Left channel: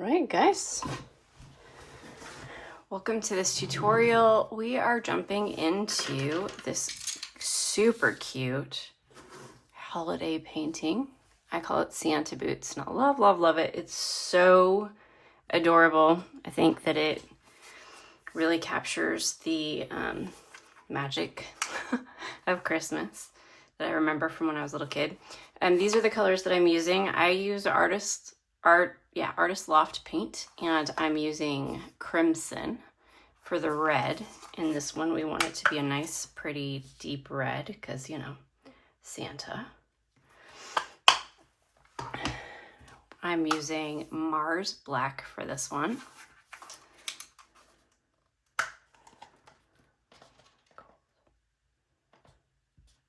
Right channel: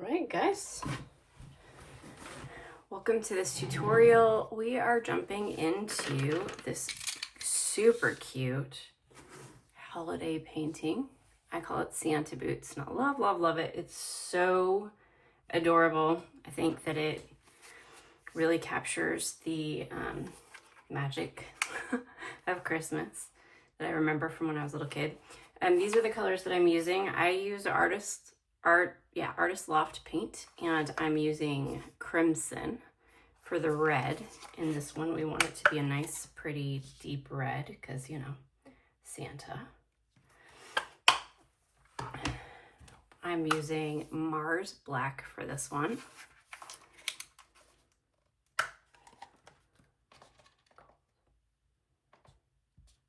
Alright guys, welcome to this tutorial. We are jumping into this super cute holiday painting. I call it Santa Boots and I love it. It's so adorable. I think that it really captures the magic of Christmas that I remember from when I was a little kid. And these are the colors that I'm using. I use Artist Loft paint, and I'm using crimson for the red. In this one, we want it to be a nice, pretty, deep red because, you know, Santa. I'm using Mars Black for this one.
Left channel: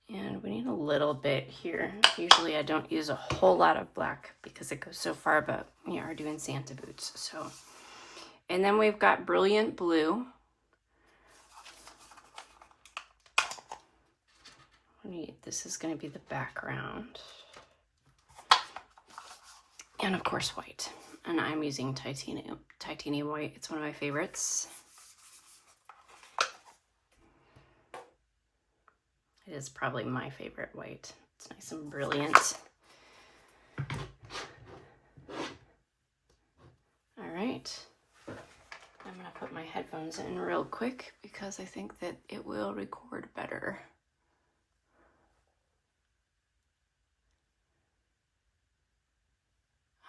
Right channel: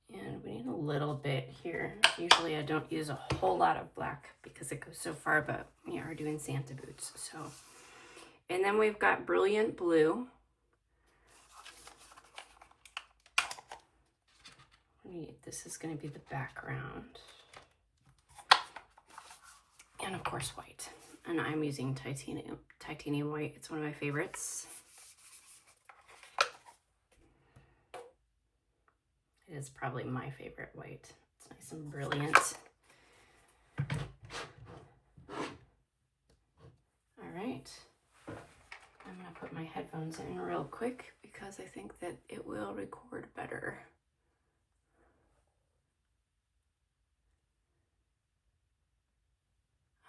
And we need a little bit here. Usually I don't use a whole lot of black because it goes so far, but we are doing Santa Boots. So, and then we've got Brilliant Blue. This is going to be the background. And of course white. And I'm using titanium white. It's one of my favorites. It is probably my favorite white. It's nice and brilliant. All right. I'm gonna put my headphones in real quick because I think that it will record better.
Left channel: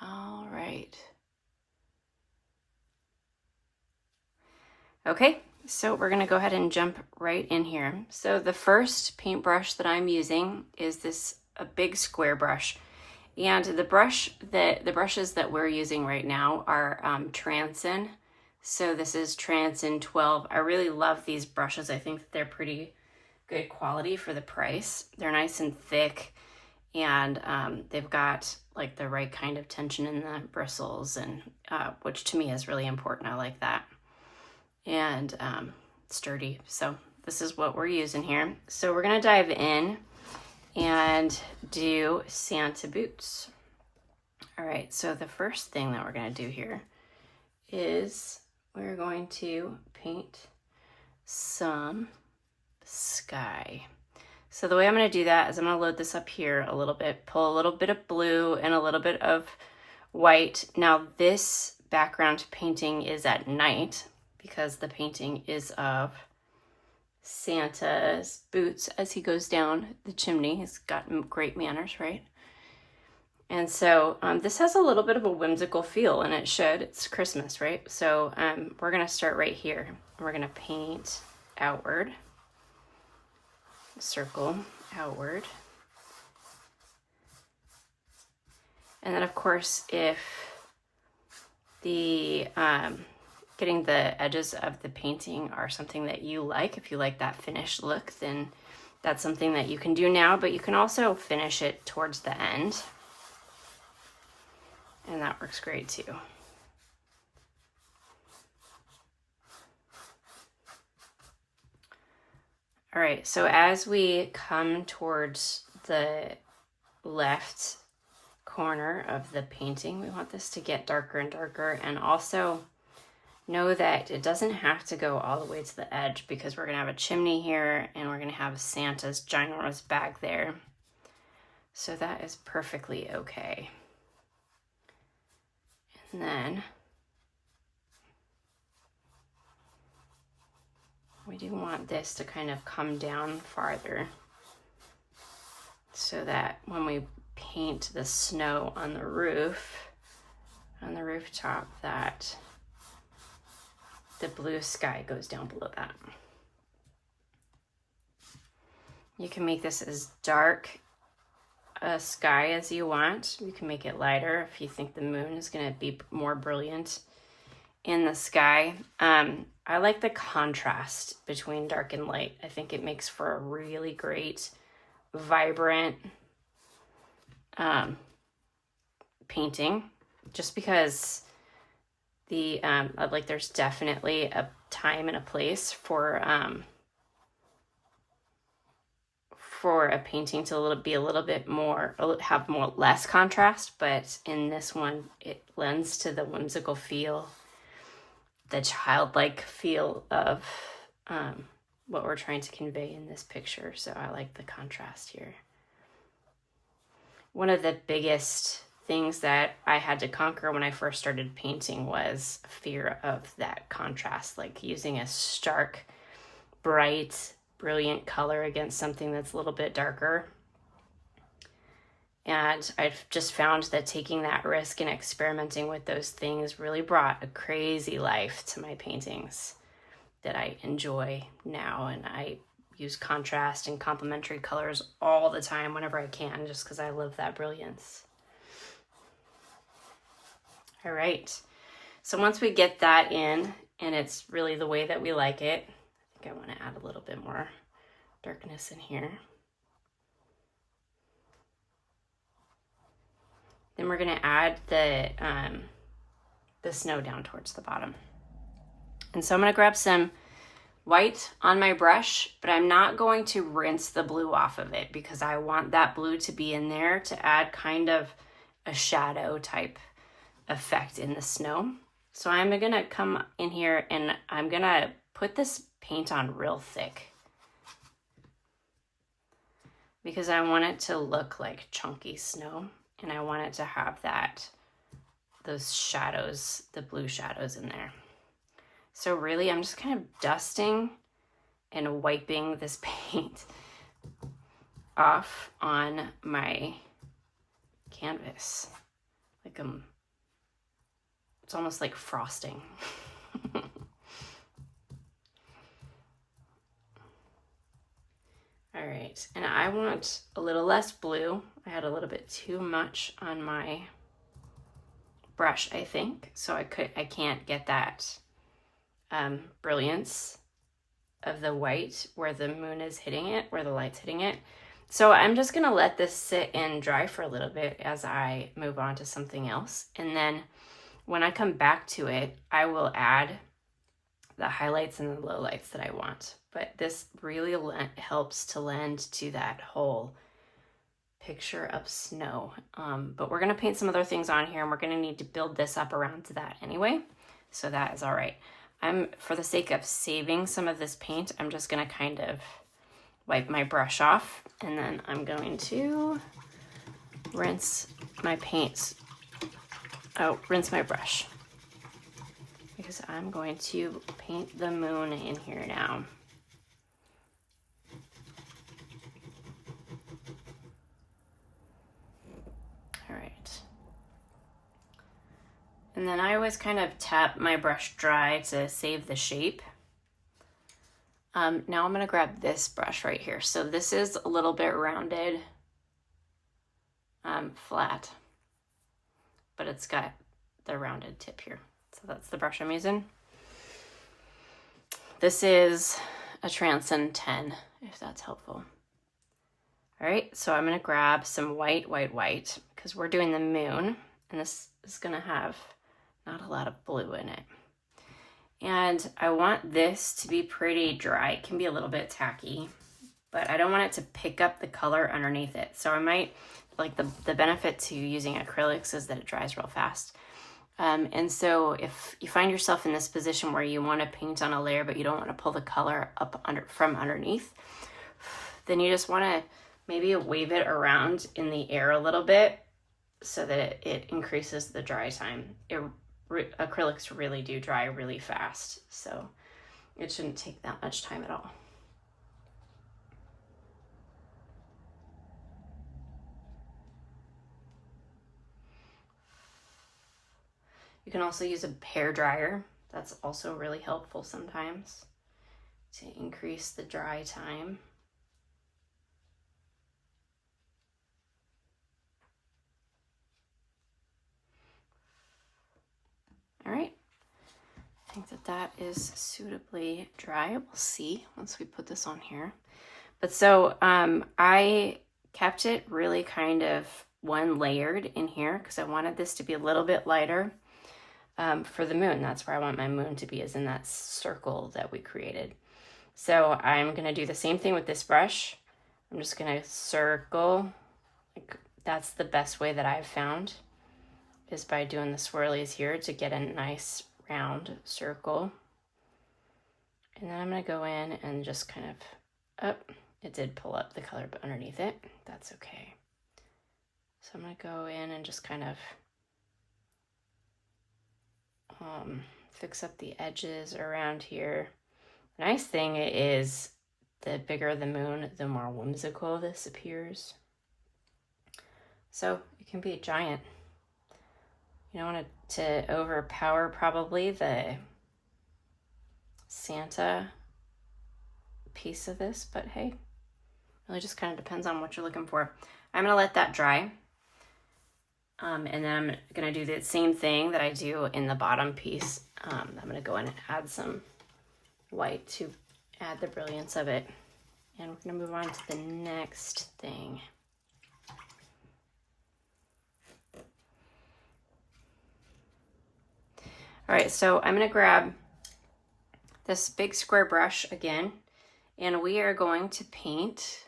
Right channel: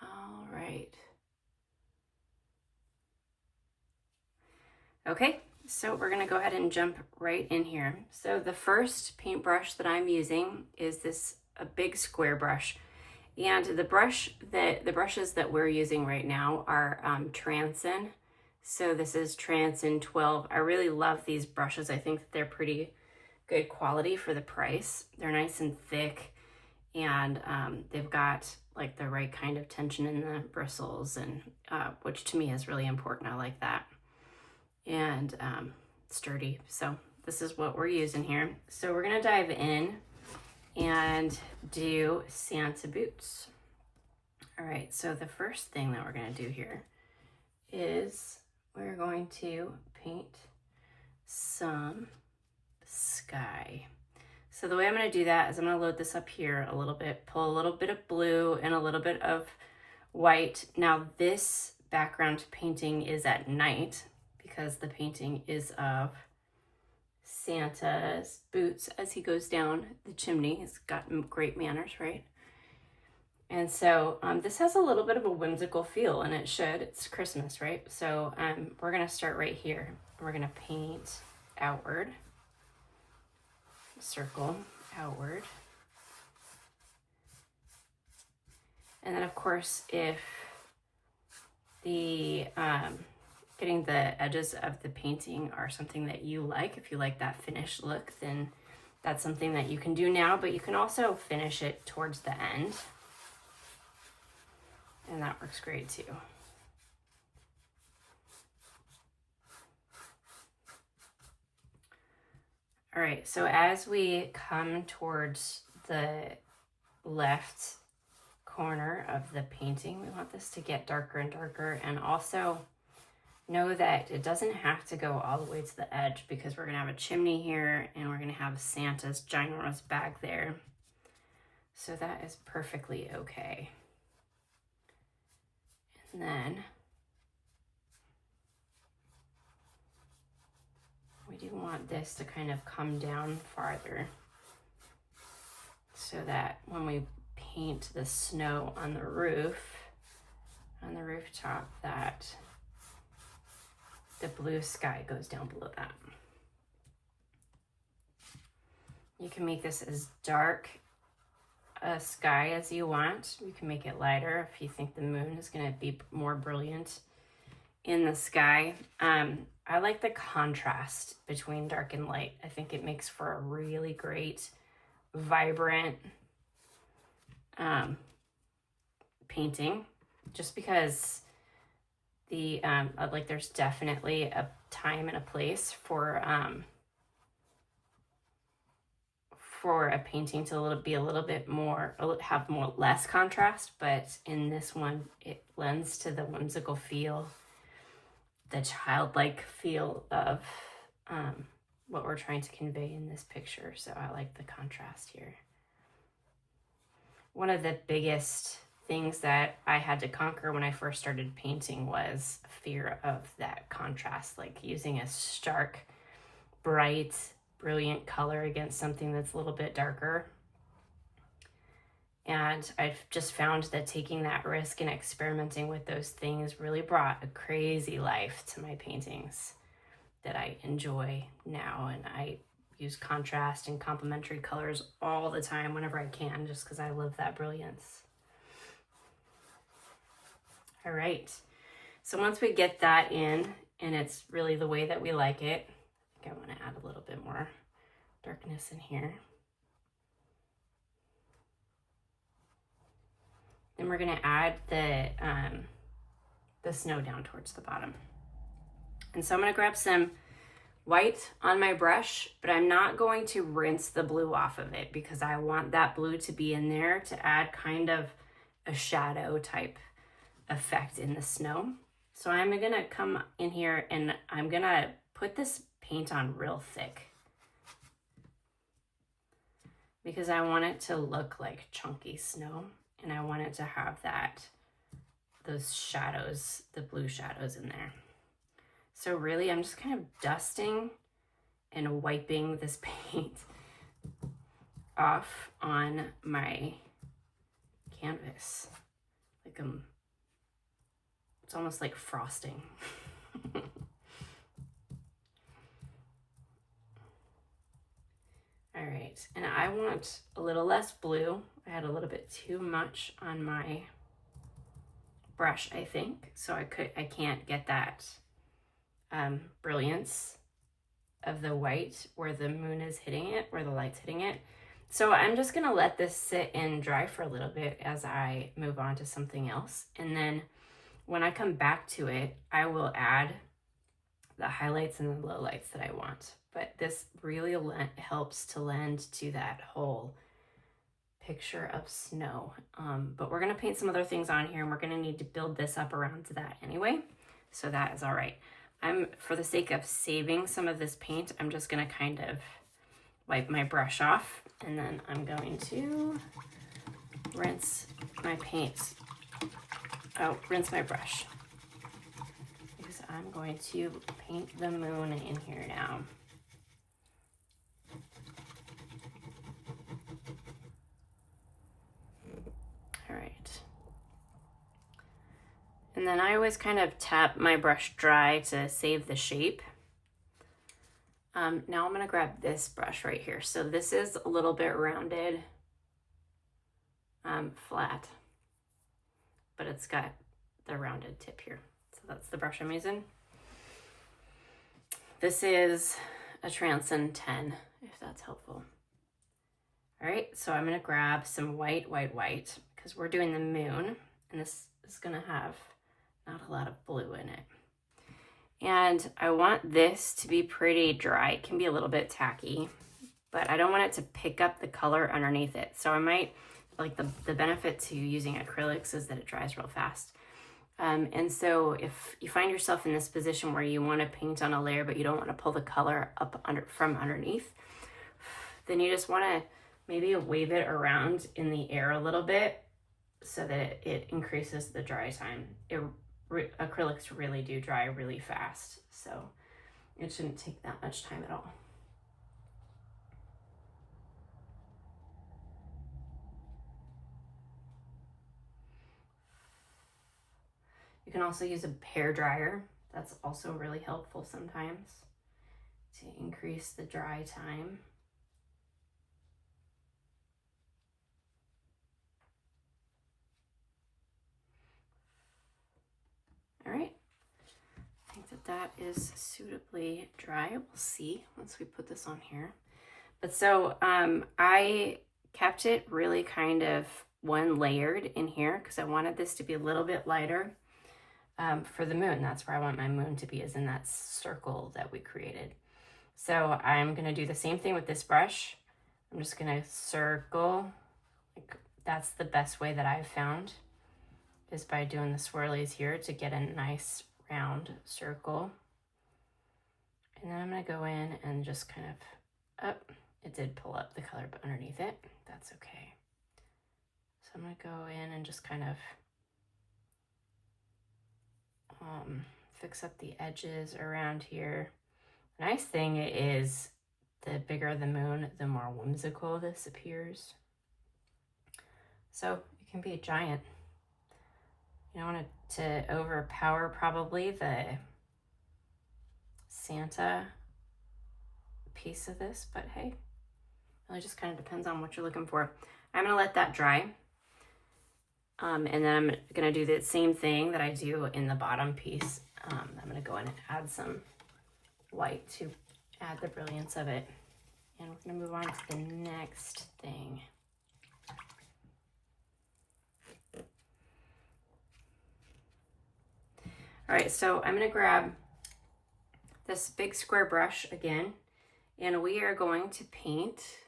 All right. Okay. So we're gonna go ahead and jump right in here. So the first paintbrush that I'm using is a big square brush. And the brushes that we're using right now are Transin. So this is Transin 12. I really love these brushes. I think that they're pretty good quality for the price. They're nice and thick, and they've got like the right kind of tension in the bristles, and which to me is really important. I like that. And sturdy. So this is what we're using here. So we're gonna dive in and do Santa Boots. All right, so the first thing that we're gonna do here is we're going to paint some sky. So the way I'm gonna do that is I'm gonna load this up here a little bit, pull a little bit of blue and a little bit of white. Now this background painting is at night, because the painting is of Santa's boots as he goes down the chimney. He's got great manners, right? And so this has a little bit of a whimsical feel, and it should. It's Christmas, right? So we're gonna start right here. We're gonna paint outward, circle outward. And then of course, if the getting the edges of the painting are something that you like, if you like that finished look, then that's something that you can do now, but you can also finish it towards the end. And that works great too. All right, so as we come towards the left corner of the painting, we want this to get darker and darker, and also know that it doesn't have to go all the way to the edge, because we're gonna have a chimney here and we're gonna have Santa's ginormous bag there. So that is perfectly okay. And then we do want this to kind of come down farther so that when we paint the snow on the rooftop, that the blue sky goes down below that. You can make this as dark a sky as you want. You can make it lighter if you think the moon is going to be more brilliant in the sky. I like the contrast between dark and light. I think it makes for a really great, vibrant painting, just because like there's definitely a time and a place for for a painting to be a little bit more, have less contrast, but in this one, it lends to the whimsical feel, the childlike feel of what we're trying to convey in this picture. So I like the contrast here. One of the biggest things that I had to conquer when I first started painting was fear of that contrast, like using a stark, bright, brilliant color against something that's a little bit darker. And I've just found that taking that risk and experimenting with those things really brought a crazy life to my paintings that I enjoy now. And I use contrast and complementary colors all the time whenever I can, just because I love that brilliance. All right, so once we get that in, and it's really the way that we like it, I think I want to add a little bit more darkness in here. Then we're going to add the snow down towards the bottom. And so I'm going to grab some white on my brush, but I'm not going to rinse the blue off of it because I want that blue to be in there to add kind of a shadow type effect in the snow. So I'm going to come in here and I'm going to put this paint on real thick because I want it to look like chunky snow. And I want it to have those shadows, the blue shadows in there. So really, I'm just kind of dusting and wiping this paint off on my canvas. Like it's almost like frosting. All right, and I want a little less blue. I had a little bit too much on my brush, I think. So I can't get that brilliance of the white where the moon is hitting it, where the light's hitting it. So I'm just gonna let this sit and dry for a little bit as I move on to something else. And then when I come back to it, I will add the highlights and the lowlights that I want. But this really helps to lend to that whole picture of snow. But we're gonna paint some other things on here and we're gonna need to build this up around to that anyway. So that is all right. For the sake of saving some of this paint, I'm just gonna kind of wipe my brush off and then I'm going to rinse my brush. Because I'm going to paint the moon in here now. All right. And then I always kind of tap my brush dry to save the shape. Now I'm gonna grab this brush right here. So this is a little bit rounded, flat, but it's got the rounded tip here. So that's the brush I'm using. This is a Transcend 10, if that's helpful. All right, so I'm gonna grab some white, because we're doing the moon, and this is gonna have not a lot of blue in it. And I want this to be pretty dry. It can be a little bit tacky, but I don't want it to pick up the color underneath it. So I might, like the benefit to using acrylics is that it dries real fast. And so if you find yourself in this position where you want to paint on a layer, but you don't want to pull the color up from underneath, then you just want to maybe wave it around in the air a little bit so that it increases the dry time. Acrylics really do dry really fast, so it shouldn't take that much time at all. You can also use a hair dryer. That's also really helpful sometimes to increase the dry time. All right, I think that is suitably dry. We'll see once we put this on here. But so I kept it really kind of one layered in here because I wanted this to be a little bit lighter for the moon. That's where I want my moon to be, is in that circle that we created. So I'm gonna do the same thing with this brush. I'm just gonna circle. Like, that's the best way that I've found, is by doing the swirlies here to get a nice round circle. And then I'm gonna go in and just kind of, oh, it did pull up the color underneath it. That's okay. So I'm gonna go in and just kind of fix up the edges around here. The nice thing is the bigger the moon, the more whimsical this appears. So it can be a giant. You don't want it to overpower probably the Santa piece of this, but hey, it really just kind of depends on what you're looking for. I'm gonna let that dry. And then I'm gonna do the same thing that I do in the bottom piece. I'm gonna go in and add some white to add the brilliance of it. And we're gonna move on to the next thing. All right, so I'm gonna grab this big square brush again, and we are going to paint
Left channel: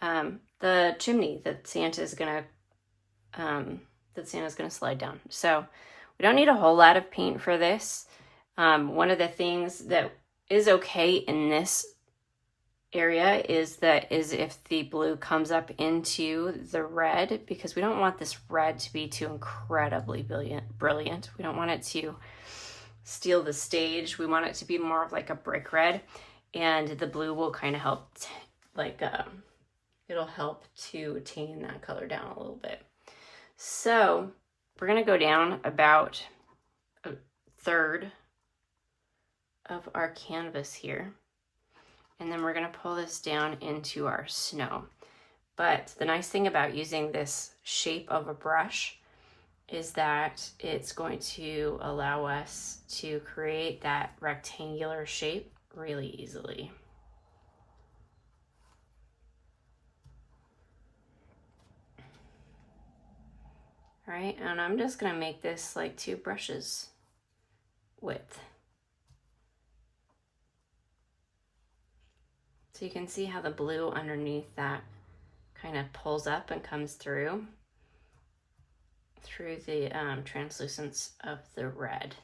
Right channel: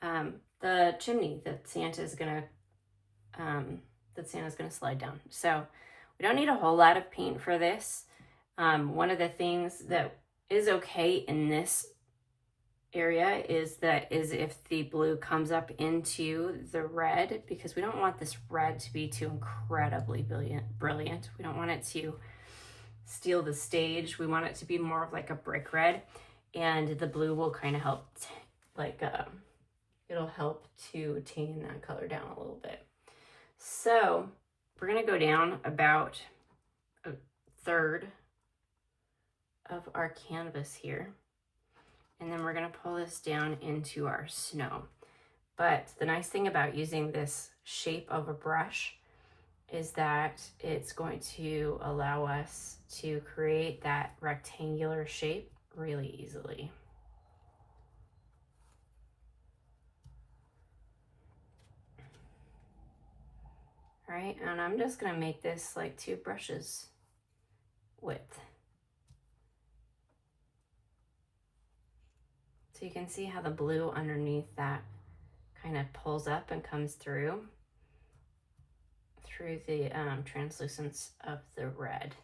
the chimney that Santa's gonna slide down. So we don't need a whole lot of paint for this. One of the things that is okay in this area is if the blue comes up into the red, because we don't want this red to be too incredibly brilliant. We don't want it to steal the stage. We want it to be more of like a brick red, and the blue will kind of help, it'll help to tame that color down a little bit. So we're gonna go down about a third of our canvas here, and then we're gonna pull this down into our snow. But the nice thing about using this shape of a brush is that it's going to allow us to create that rectangular shape really easily. All right, and I'm just gonna make this like 2 brushes width. So you can see how the blue underneath that kind of pulls up and comes through the translucence of the red.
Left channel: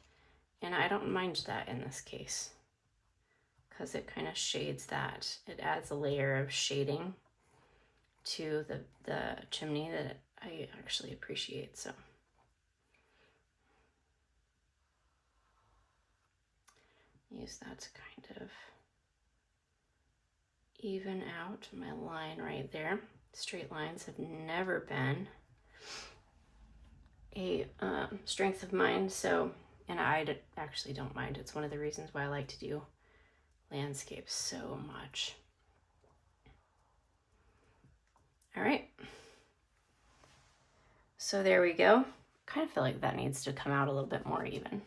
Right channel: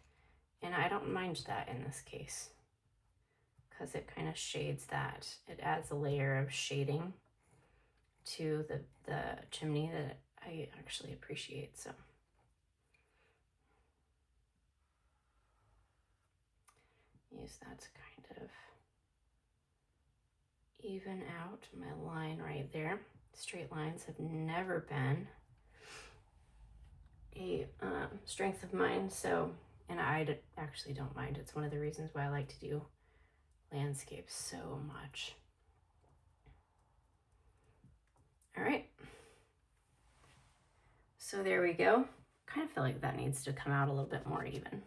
And I don't mind that in this case, because it kind of shades that. It adds a layer of shading to the chimney that I actually appreciate. So use that to kind of even out my line right there. Straight lines have never been a strength of mine, so, and I actually don't mind. It's one of the reasons why I like to do landscapes so much. All right, so there we go. Kind of feel like that needs to come out a little bit more even.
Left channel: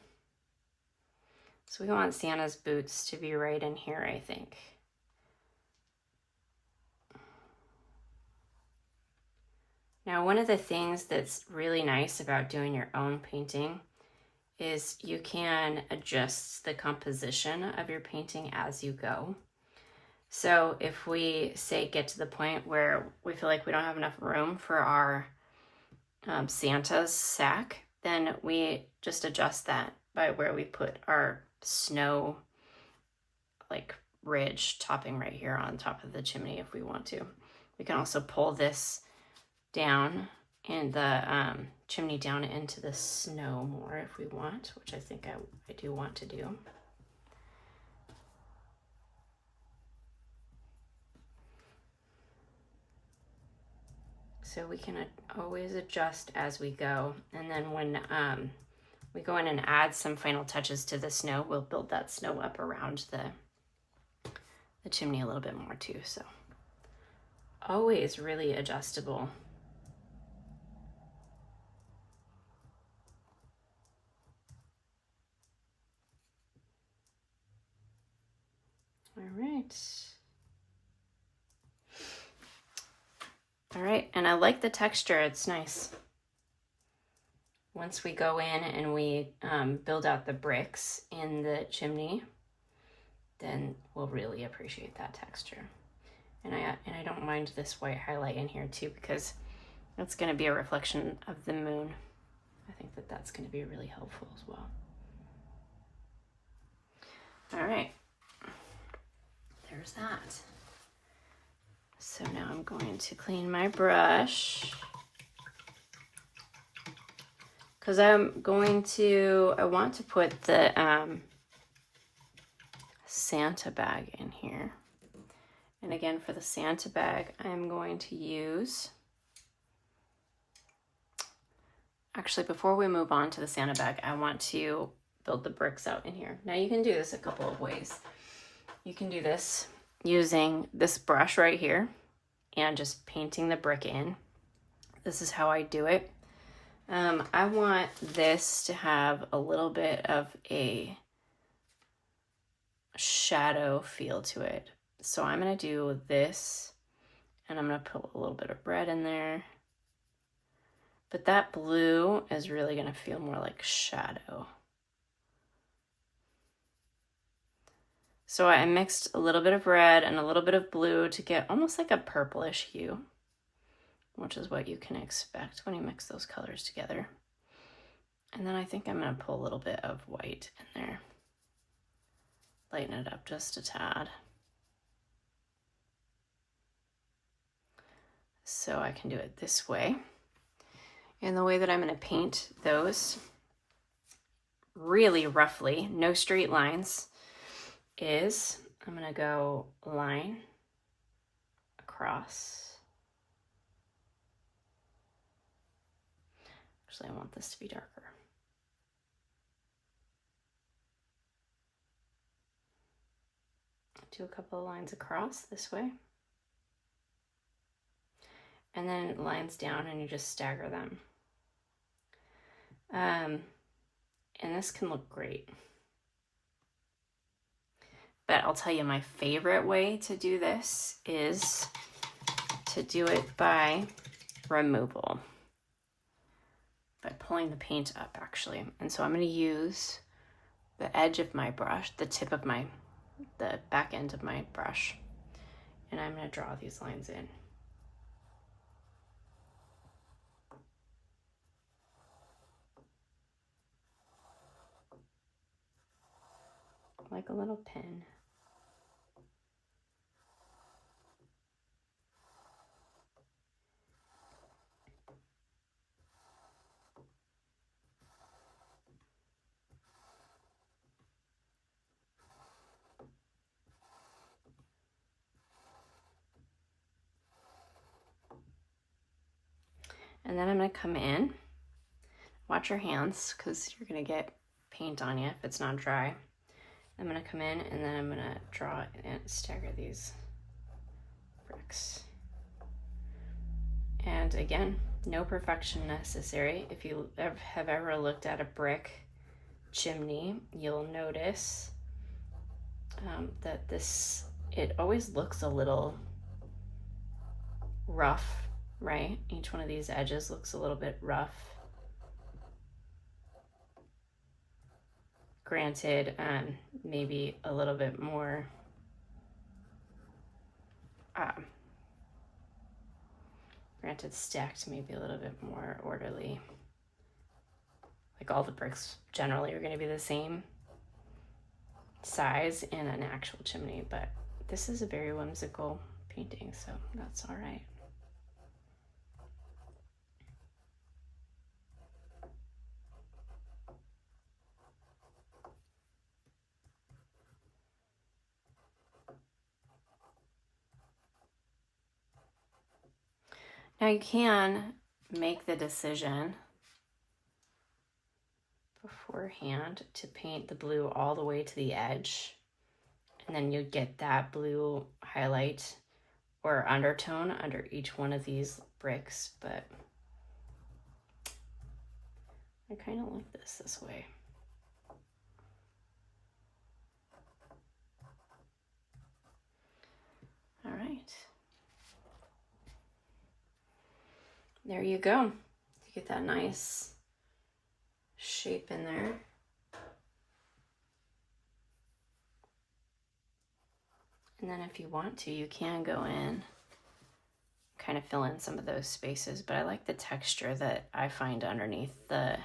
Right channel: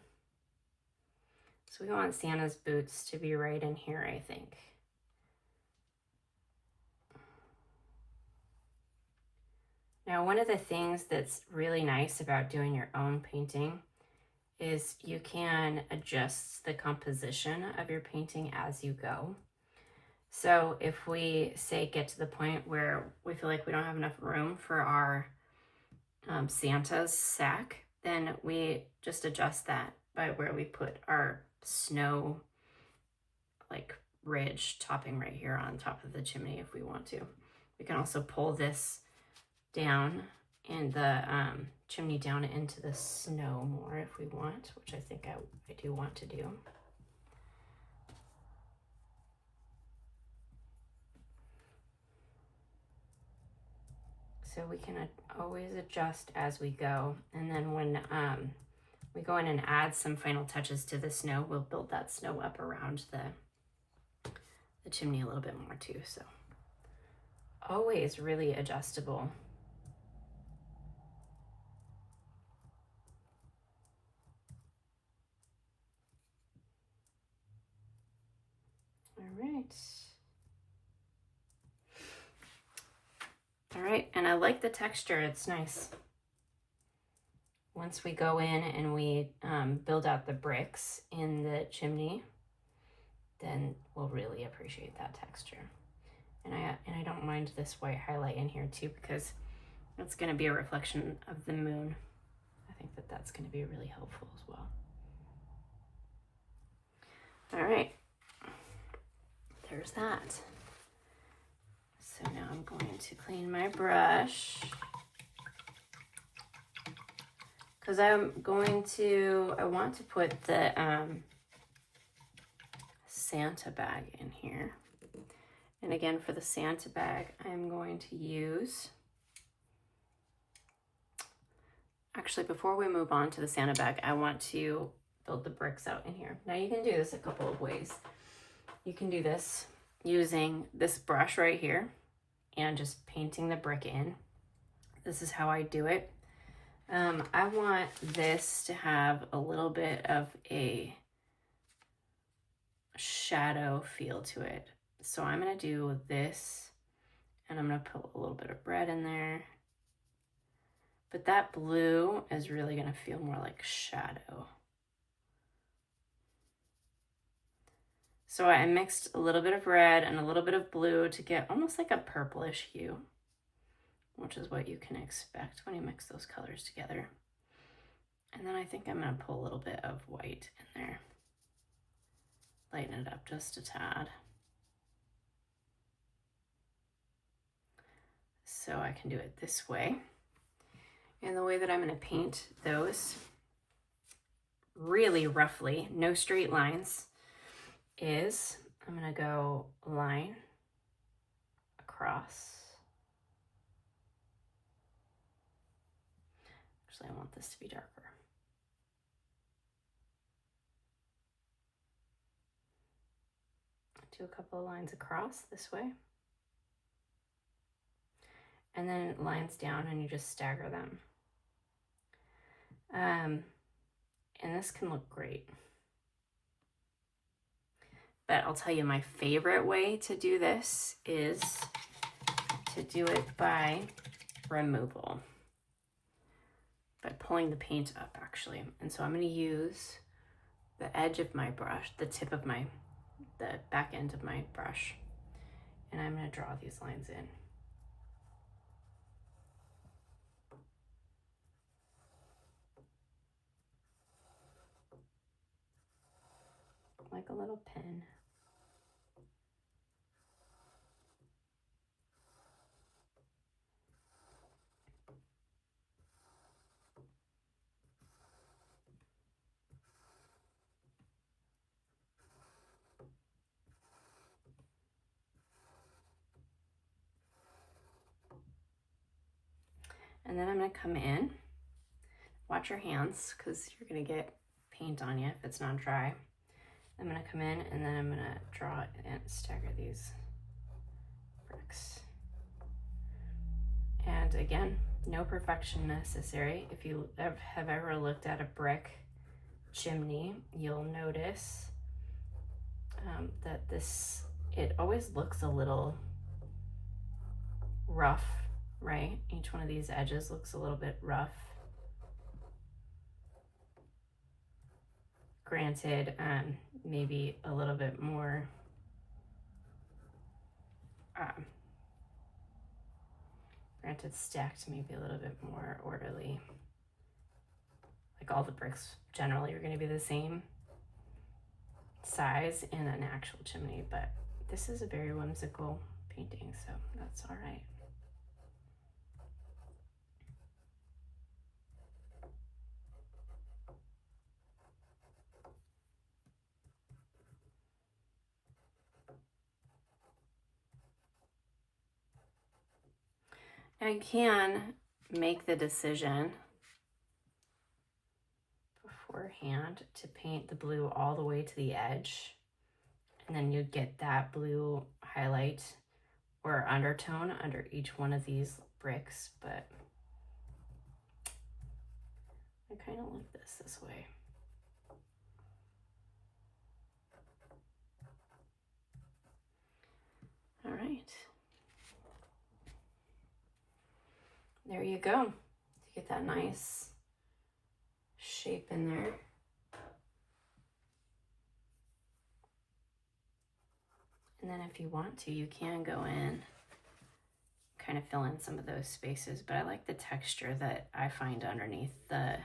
So we want Santa's boots to be right in here, I think. Now, one of the things that's really nice about doing your own painting is you can adjust the composition of your painting as you go. So if we say get to the point where we feel like we don't have enough room for our Santa's sack, then we just adjust that by where we put our snow like ridge topping right here on top of the chimney if we want to. We can also pull this down and the chimney down into the snow more if we want, which I think I do want to do. So we can always adjust as we go. And then when we go in and add some final touches to the snow, we'll build that snow up around the chimney a little bit more too. So always really adjustable. All right, and I like the texture, it's nice. Once we go in and we build out the bricks in the chimney, then we'll really appreciate that texture. And I don't mind this white highlight in here too, because that's going to be a reflection of the moon. I think that that's going to be really helpful as well. All right, there's that. So now I'm going to clean my brush, because I want to put the Santa bag in here. And again, for the Santa bag, I'm going to use, actually, before we move on to the Santa bag, I want to build the bricks out in here. Now you can do this a couple of ways. You can do this using this brush right here and just painting the brick in. This is how I do it. I want this to have a little bit of a shadow feel to it. So I'm gonna do this, and I'm gonna put a little bit of red in there. But that blue is really gonna feel more like shadow. So I mixed a little bit of red and a little bit of blue to get almost like a purplish hue, which is what you can expect when you mix those colors together. And then I think I'm going to put a little bit of white in there. Lighten it up just a tad. So I can do it this way. And the way that I'm going to paint those really roughly, no straight lines, is I'm going to go line across. Actually, I want this to be darker. Do a couple of lines across this way. And then lines down, and you just stagger them. And this can look great. But I'll tell you, my favorite way to do this is to do it by removal. By pulling the paint up, actually. And so I'm going to use the edge of my brush, the back end of my brush. And I'm going to draw these lines in. Like a little pin. And then I'm going to come in. Watch your hands, because you're going to get paint on you if it's not dry. I'm going to come in, and then I'm going to draw and stagger these bricks. And again, no perfection necessary. If you have ever looked at a brick chimney, you'll notice that it always looks a little rough, right? Each one of these edges looks a little bit rough. Granted, maybe a little bit more stacked, maybe a little bit more orderly. Like all the bricks generally are going to be the same size in an actual chimney, but this is a very whimsical painting, so that's all right. Now you can make the decision beforehand to paint the blue all the way to the edge, and then you get that blue highlight or undertone under each one of these bricks, but I kind of like this way. All right. There you go. You get that nice shape in there. And then if you want to, you can go in, kind of fill in some of those spaces, but I like the texture that I find underneath the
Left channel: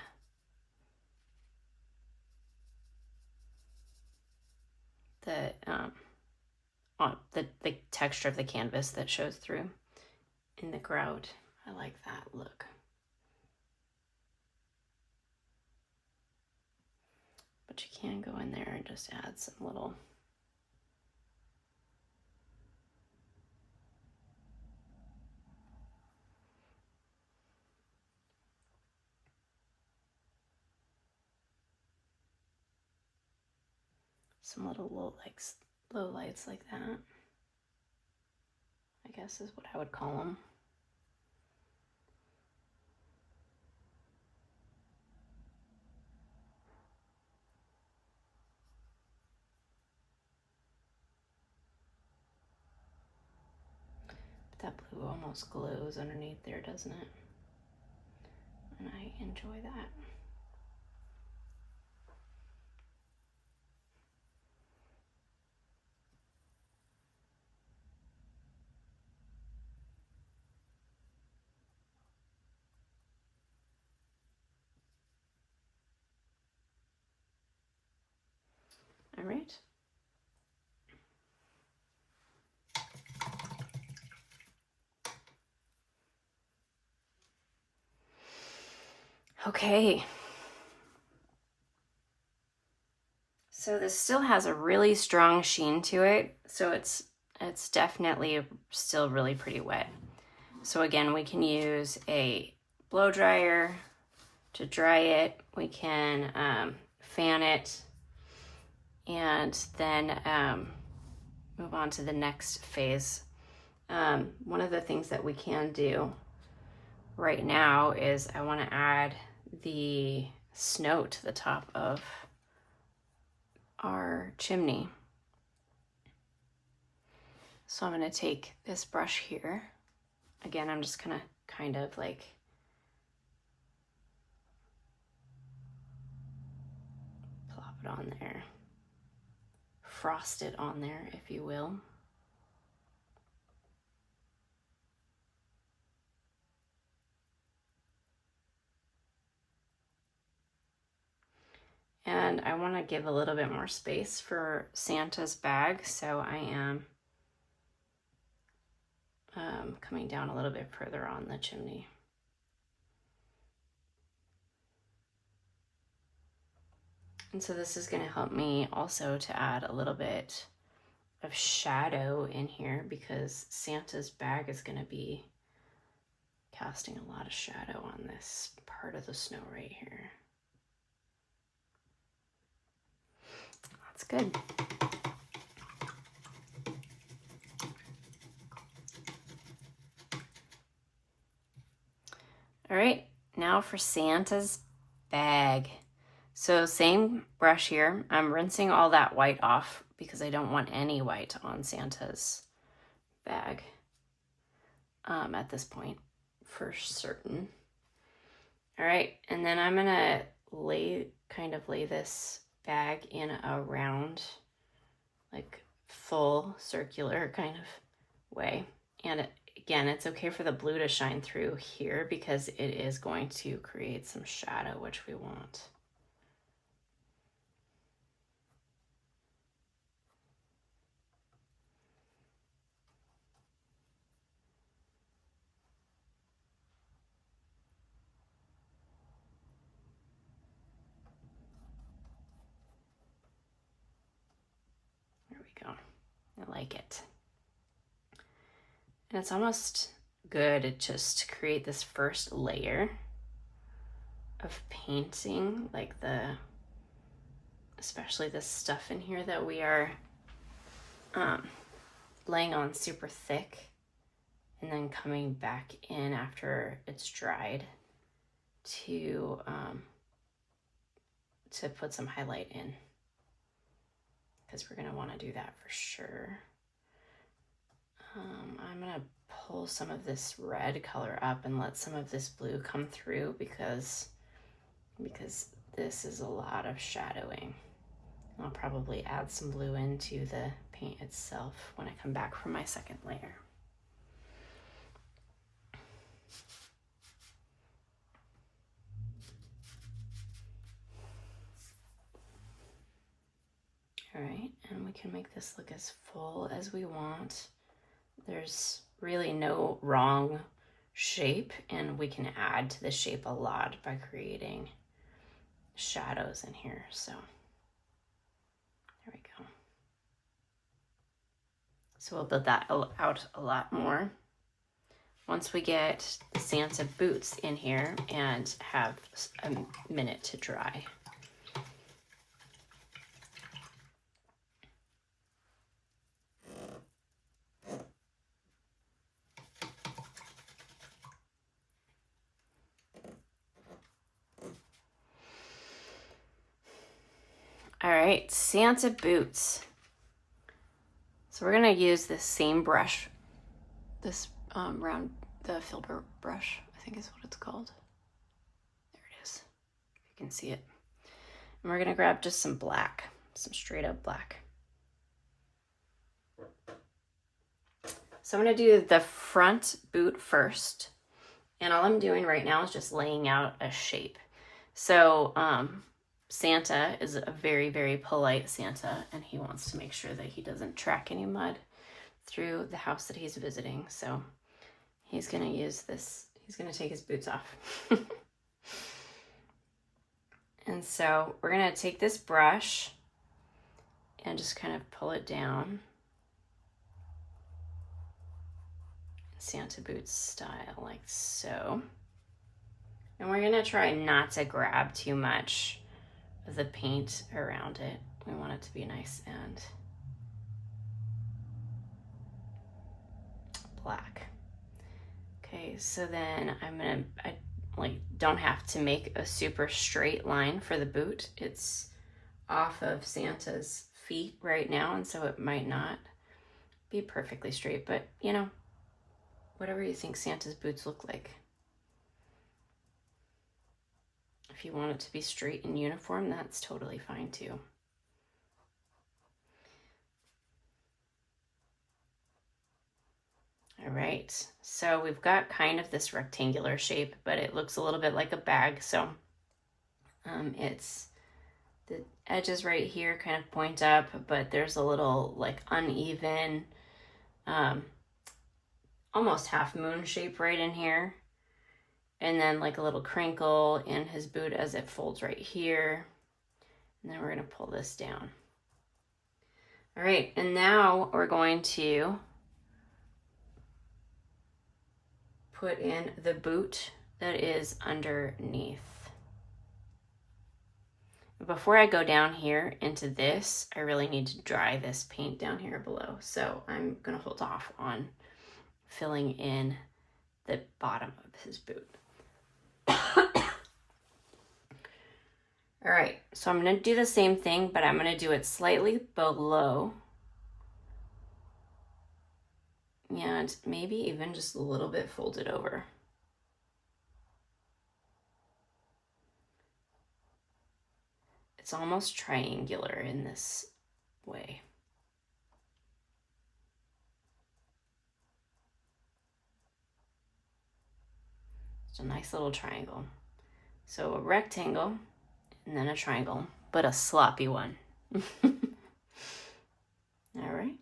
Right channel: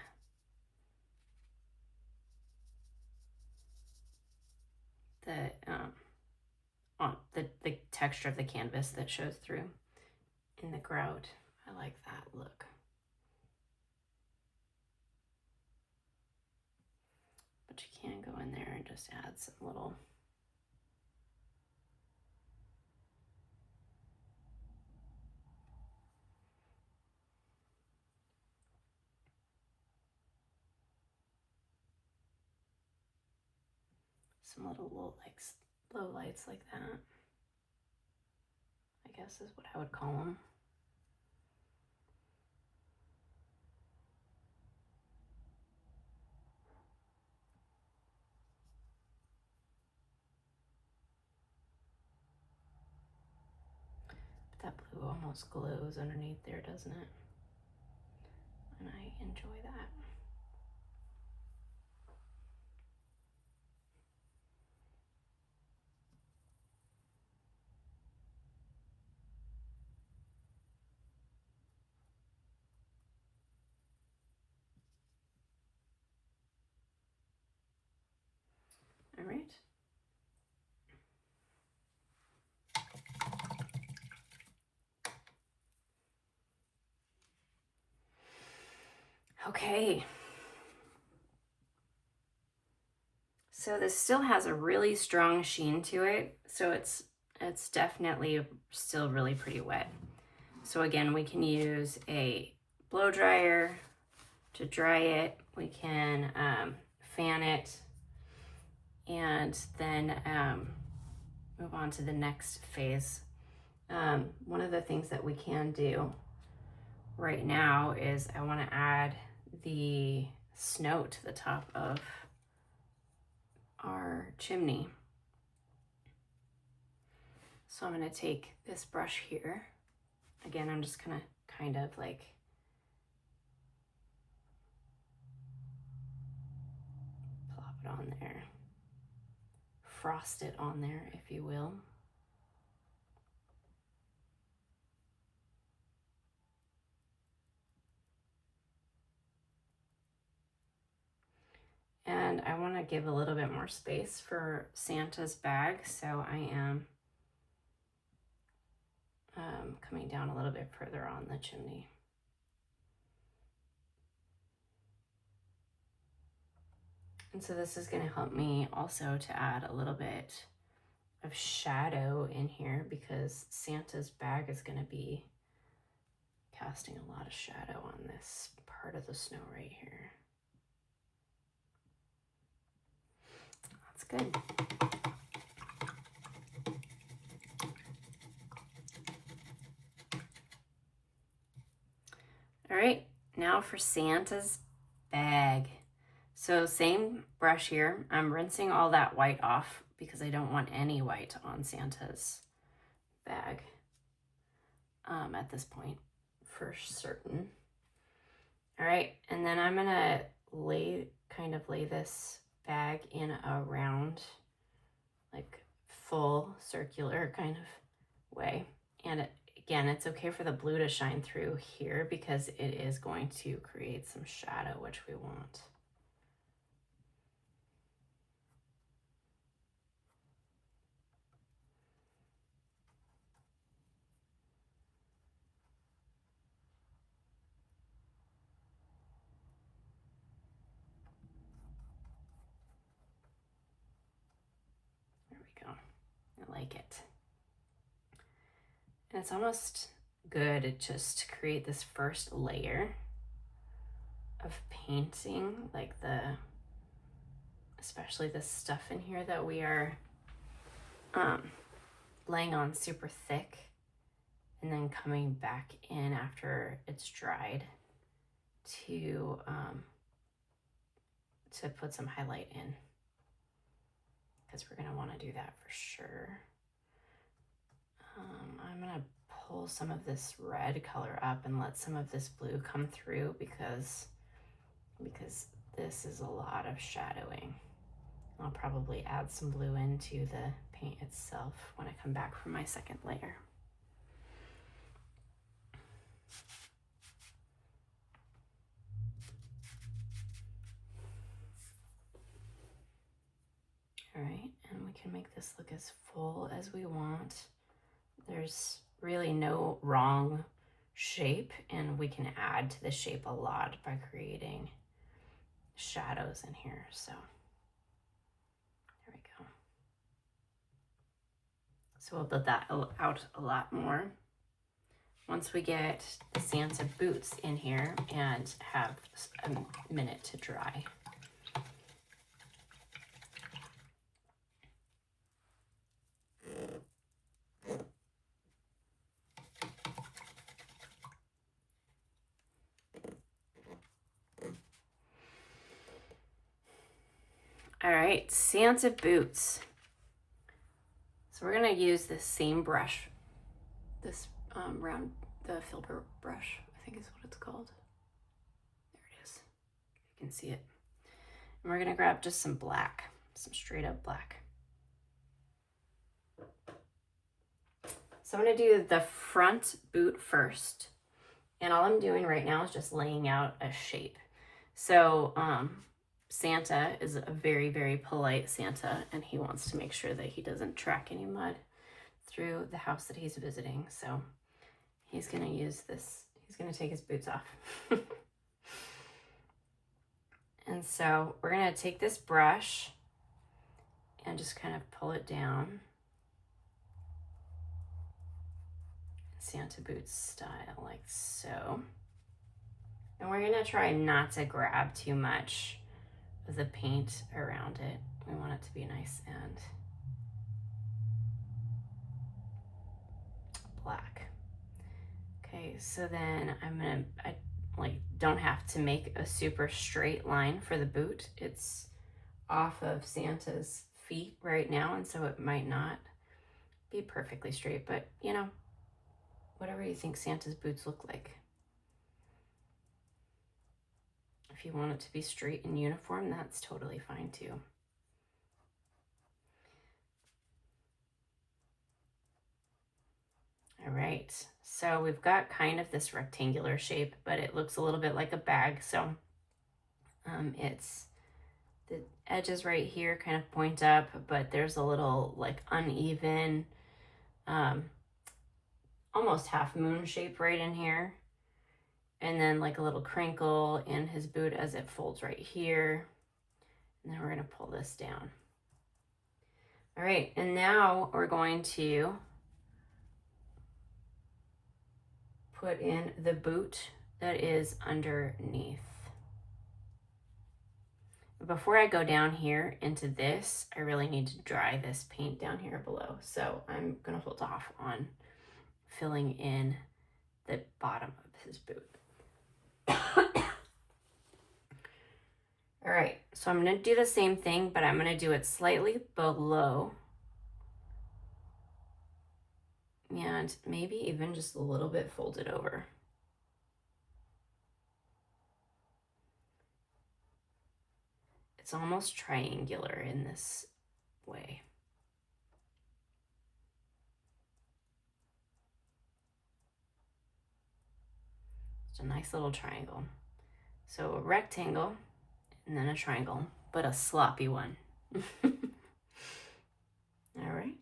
the texture of the canvas that shows through in the grout. I like that look. But you can go in there and just add some little low lights like that, I guess is what I would call them. But that blue almost glows underneath there, doesn't it? And I enjoy that. All right. Okay. So this still has a really strong sheen to it, so it's definitely still really pretty wet. So again, we can use a blow dryer to dry it. We can fan it, and then move on to the next phase. One of the things that we can do right now is I want to add the snow to the top of our chimney. So I'm going to take this brush here. Again, I'm just going to kind of like plop it on there, frost it on there, if you will. And I want to give a little bit more space for Santa's bag, so I am coming down a little bit further on the chimney. And so this is going to help me also to add a little bit of shadow in here, because Santa's bag is going to be casting a lot of shadow on this part of the snow right here. That's good. All right, now for Santa's bag. So same brush here. I'm rinsing all that white off because I don't want any white on Santa's bag at this point, for certain. All right, and then I'm gonna lay this bag in a round, like full circular kind of way. And again, it's okay for the blue to shine through here because it is going to create some shadow, which we want. There we go. I like it. And it's almost good to just create this first layer of painting, like especially this stuff in here that we are laying on super thick, and then coming back in after it's dried to put some highlight in, because we're gonna want to do that for sure. I'm gonna pull some of this red color up and let some of this blue come through, because this is a lot of shadowing. I'll probably add some blue into the paint itself when I come back from my second layer. All right, and we can make this look as full as we want. There's really no wrong shape, and we can add to the shape a lot by creating shadows in here. So there we go. So we'll build that out a lot more once we get the Santa boots in here and have a minute to dry. All right, Santa boots. So we're gonna use this same brush, this round, the filbert brush, I think is what it's called. There it is, if you can see it. And we're gonna grab just some black, some straight up black. So I'm gonna do the front boot first. And all I'm doing right now is just laying out a shape. So Santa is a very, very polite Santa, and he wants to make sure that he doesn't track any mud through the house that he's visiting. So he's gonna use this, he's gonna take his boots off. And so we're gonna take this brush and just kind of pull it down. Santa boots style, like so. And we're gonna try not to grab too much of the paint around it. We want it to be nice and black. Okay, so then I like don't have to make a super straight line for the boot. It's off of Santa's feet right now, and so it might not be perfectly straight, but you know, whatever you think Santa's boots look like. If you want it to be straight and uniform, that's totally fine too. All right, so we've got kind of this rectangular shape, but it looks a little bit like a bag. So it's the edges right here kind of point up, but there's a little like uneven, almost half moon shape right in here. And then like a little crinkle in his boot as it folds right here. And then we're gonna pull this down. All right, and now we're going to put in the boot that is underneath. Before I go down here into this, I really need to dry this paint down here below. So I'm gonna hold off on filling in the bottom of his boot. All right, so I'm gonna do the same thing, but I'm gonna do it slightly below. And maybe even just a little bit folded over. It's almost triangular in this way. It's a nice little triangle. So a rectangle and then a triangle, but a sloppy one. All right.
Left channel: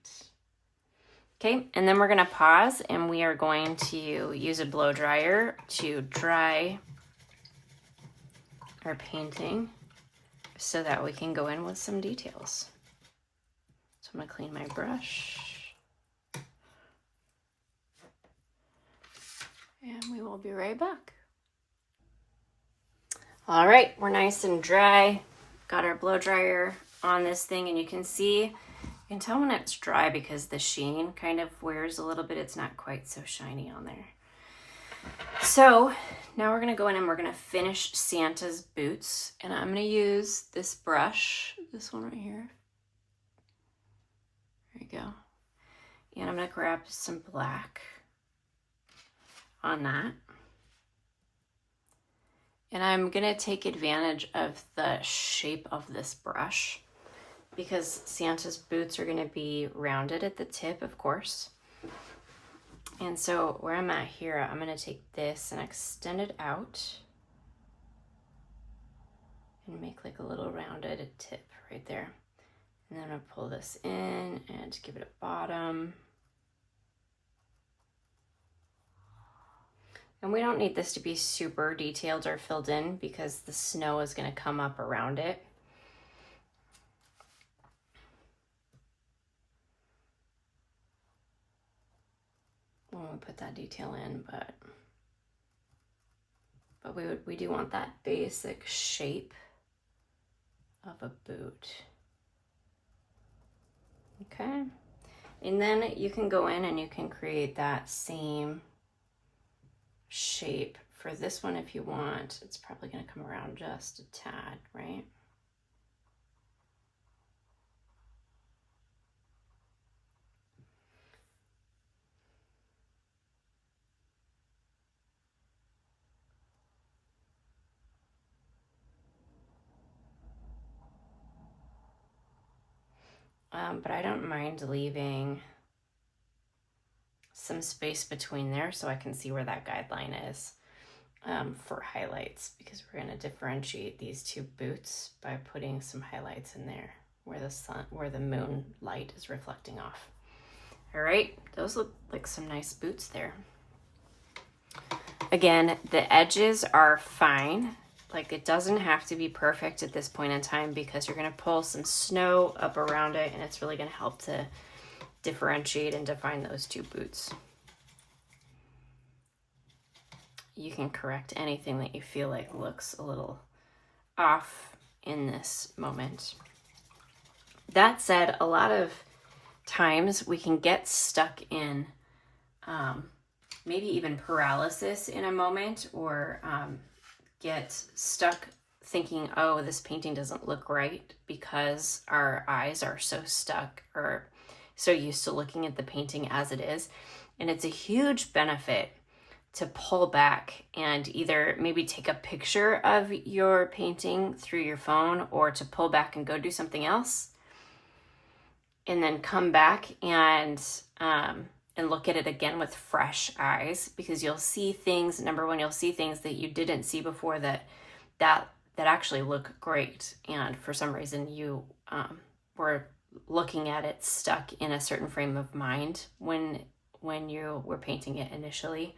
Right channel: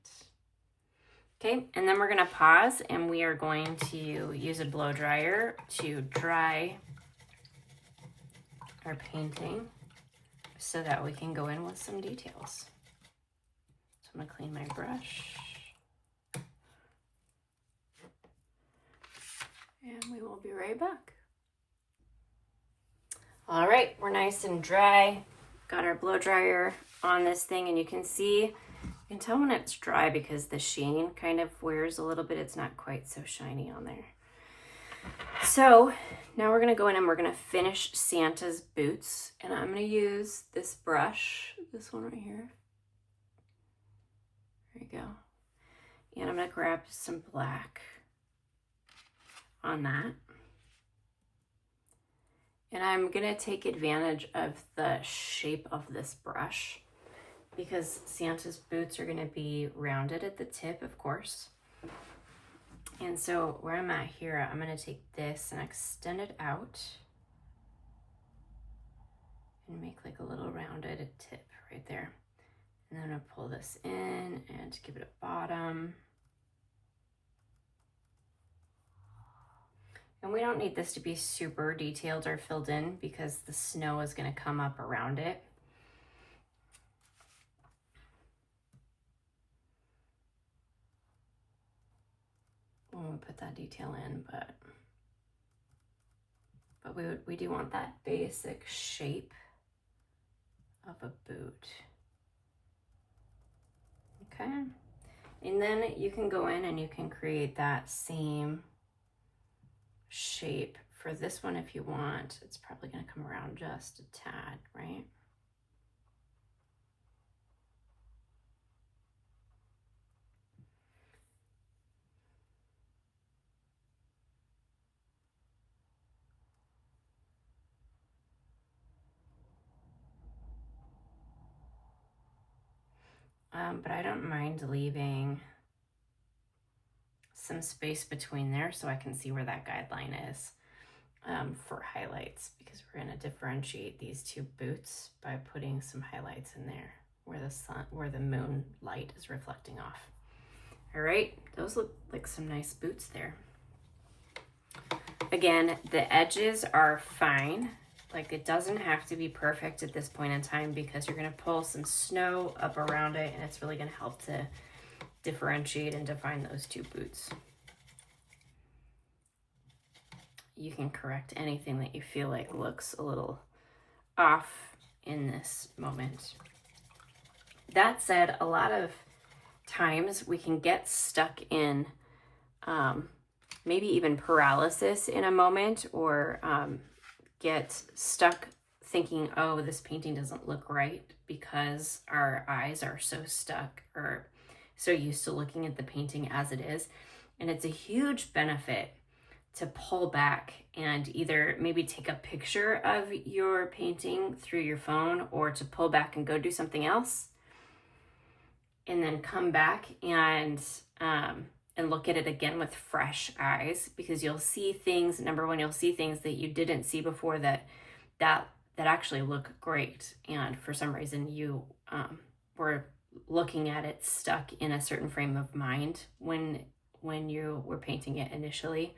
Okay, and then we're gonna pause and we are going to use a blow dryer to dry our painting so that we can go in with some details. So I'm gonna clean my brush. And we will be right back. All right, we're nice and dry. Got our blow dryer on this thing, and you can see, you can tell when it's dry because the sheen kind of wears a little bit. It's not quite so shiny on there. So now we're gonna go in and we're gonna finish Santa's boots. And I'm gonna use this brush, this one right here. There you go. And I'm gonna grab some black on that. And I'm gonna take advantage of the shape of this brush because Santa's boots are going to be rounded at the tip, of course. And so where I'm at here, I'm going to take this and extend it out and make like a little rounded tip right there. And then I'm going to pull this in and give it a bottom. And we don't need this to be super detailed or filled in because the snow is going to come up around it. When we put that detail in, but we do want that basic shape of a boot. Okay, and then you can go in and you can create that same shape for this one if you want. It's probably going to come around just a tad, right? But I don't mind leaving some space between there so I can see where that guideline is for highlights, because we're going to differentiate these two boots by putting some highlights in there where the moon light is reflecting off. All right, those look like some nice boots there. Again, the edges are fine. Like, it doesn't have to be perfect at this point in time because you're going to pull some snow up around it, and it's really going to help to differentiate and define those two boots. You can correct anything that you feel like looks a little off in this moment. That said, a lot of times we can get stuck in maybe even paralysis in a moment, or get stuck thinking, oh, this painting doesn't look right, because our eyes are so stuck or so used to looking at the painting as it is. And it's a huge benefit to pull back and either maybe take a picture of your painting through your phone, or to pull back and go do something else and then come back and look at it again with fresh eyes, because you'll see things. Number one, you'll see things that you didn't see before that actually look great, and for some reason you were looking at it stuck in a certain frame of mind when you were painting it initially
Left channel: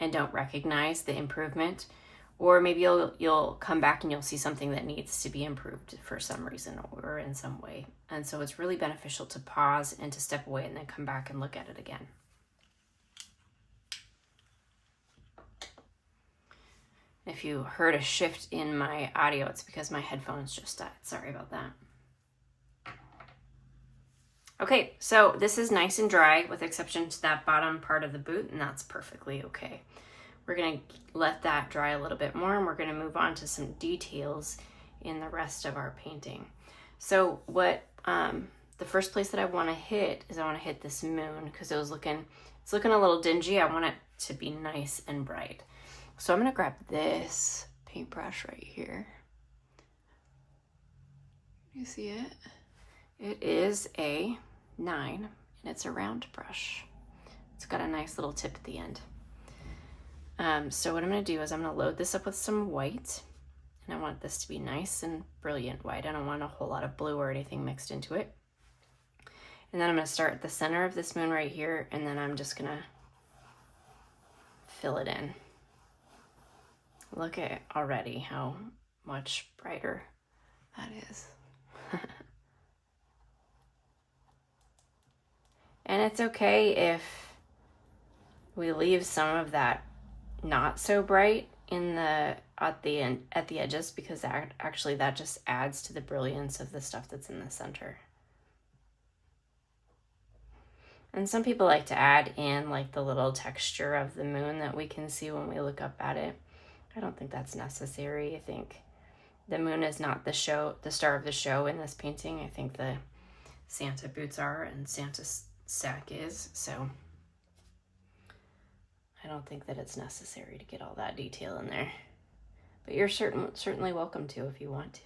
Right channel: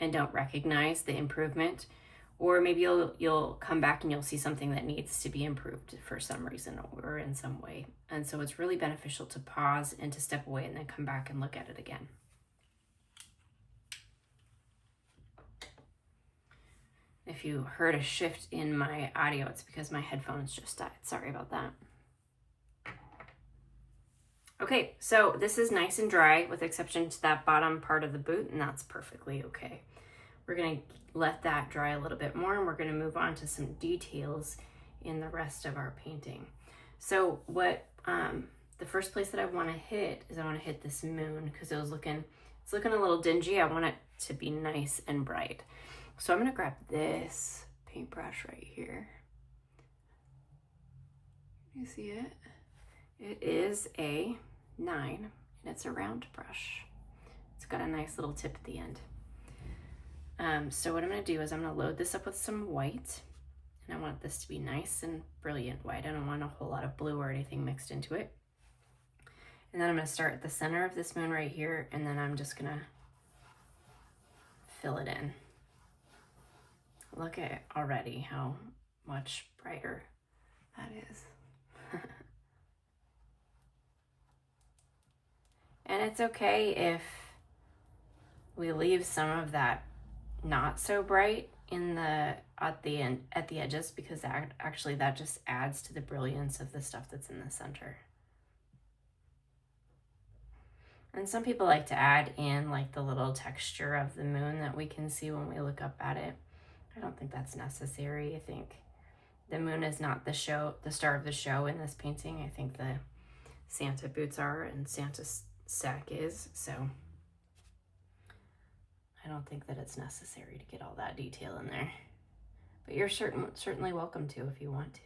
and don't recognize the improvement. Or maybe you'll come back and you'll see something that needs to be improved for some reason or in some way. And so it's really beneficial to pause and to step away and then come back and look at it again. If you heard a shift in my audio, it's because my headphones just died. Sorry about that. Okay, so this is nice and dry with exception to that bottom part of the boot, and that's perfectly okay. We're going to let that dry a little bit more, and we're going to move on to some details in the rest of our painting. So what the first place that I want to hit is I want to hit this moon, because it's looking a little dingy. I want it to be nice and bright. So I'm going to grab this paintbrush right here. You see it? It is a 9, and it's a round brush. It's got a nice little tip at the end. So what I'm going to do is I'm going to load this up with some white, and I want this to be nice and brilliant white. I don't want a whole lot of blue or anything mixed into it. And then I'm going to start at the center of this moon right here, and then I'm just going to fill it in. Look at already how much brighter that is. And it's okay if we leave some of that not so bright at the edges, because actually that just adds to the brilliance of the stuff that's in the center. And some people like to add in like the little texture of the moon that we can see when we look up at it. I don't think that's necessary. I think the moon is not the star of the show in this painting. I think the Santa boots are, and Santa's sack is, so I don't think that it's necessary to get all that detail in there. But you're certainly welcome to if you want to.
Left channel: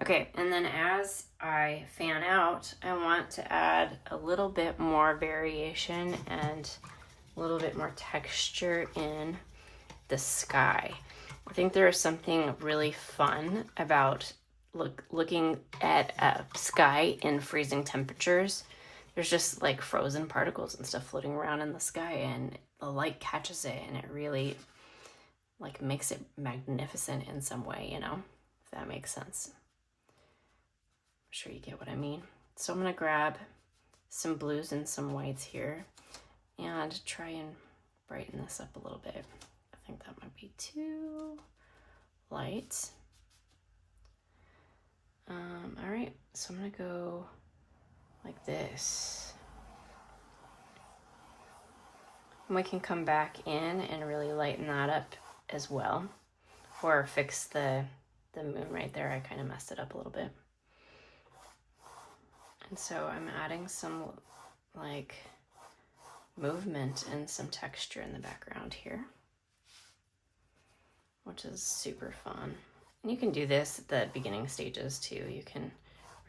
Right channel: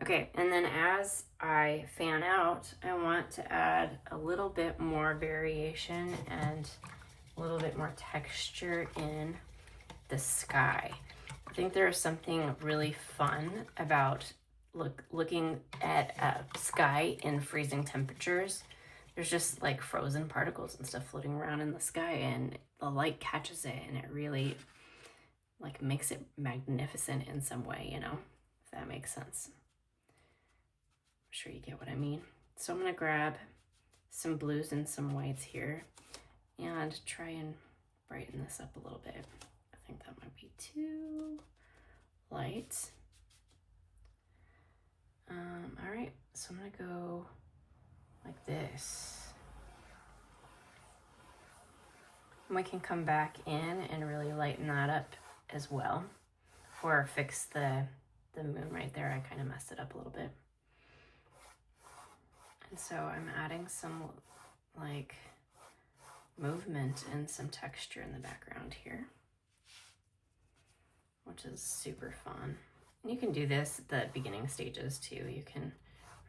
Okay, and then as I fan out, I want to add a little bit more variation and a little bit more texture in the sky. I think there is something really fun about looking at a sky in freezing temperatures. There's just like frozen particles and stuff floating around in the sky, and the light catches it, and it really like makes it magnificent in some way, you know, if that makes sense. I'm sure you get what I mean. So I'm gonna grab some blues and some whites here and try and brighten this up a little bit. I think that might be too light. All right, so I'm gonna go like this. And we can come back in and really lighten that up as well, or fix the moon right there. I kind of messed it up a little bit. And so I'm adding some like movement and some texture in the background here, which is super fun. And you can do this at the beginning stages too. You can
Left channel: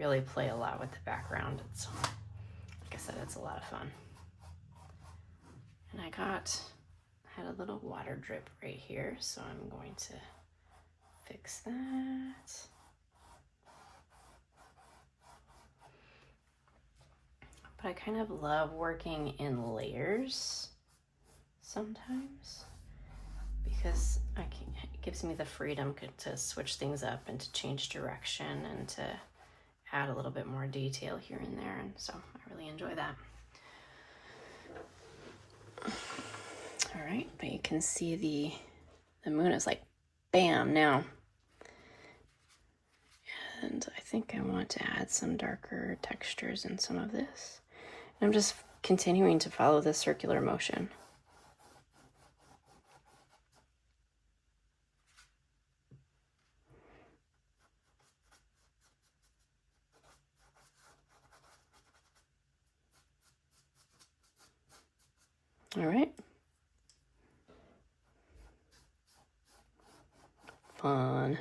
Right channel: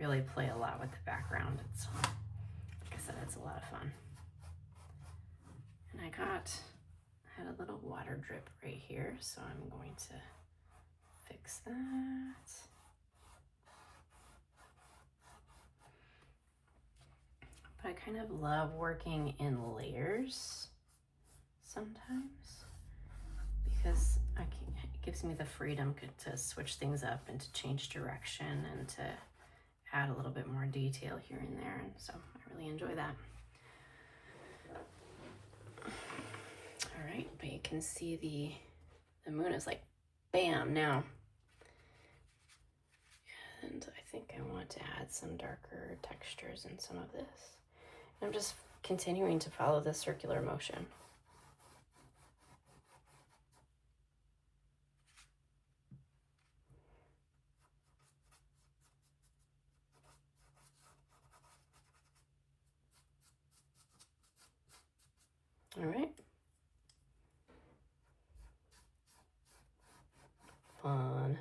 really play a lot with the background. It's, like I said, it's a lot of fun. And I had a little water drip right here, so I'm going to fix that. But I kind of love working in layers sometimes because it gives me the freedom to switch things up and to change direction and to add a little bit more detail here and there. And so I really enjoy that. All right, but you can see the moon is like bam now. And I think I want to add some darker textures in some of this. And I'm just continuing to follow the circular motion. All right. Fun.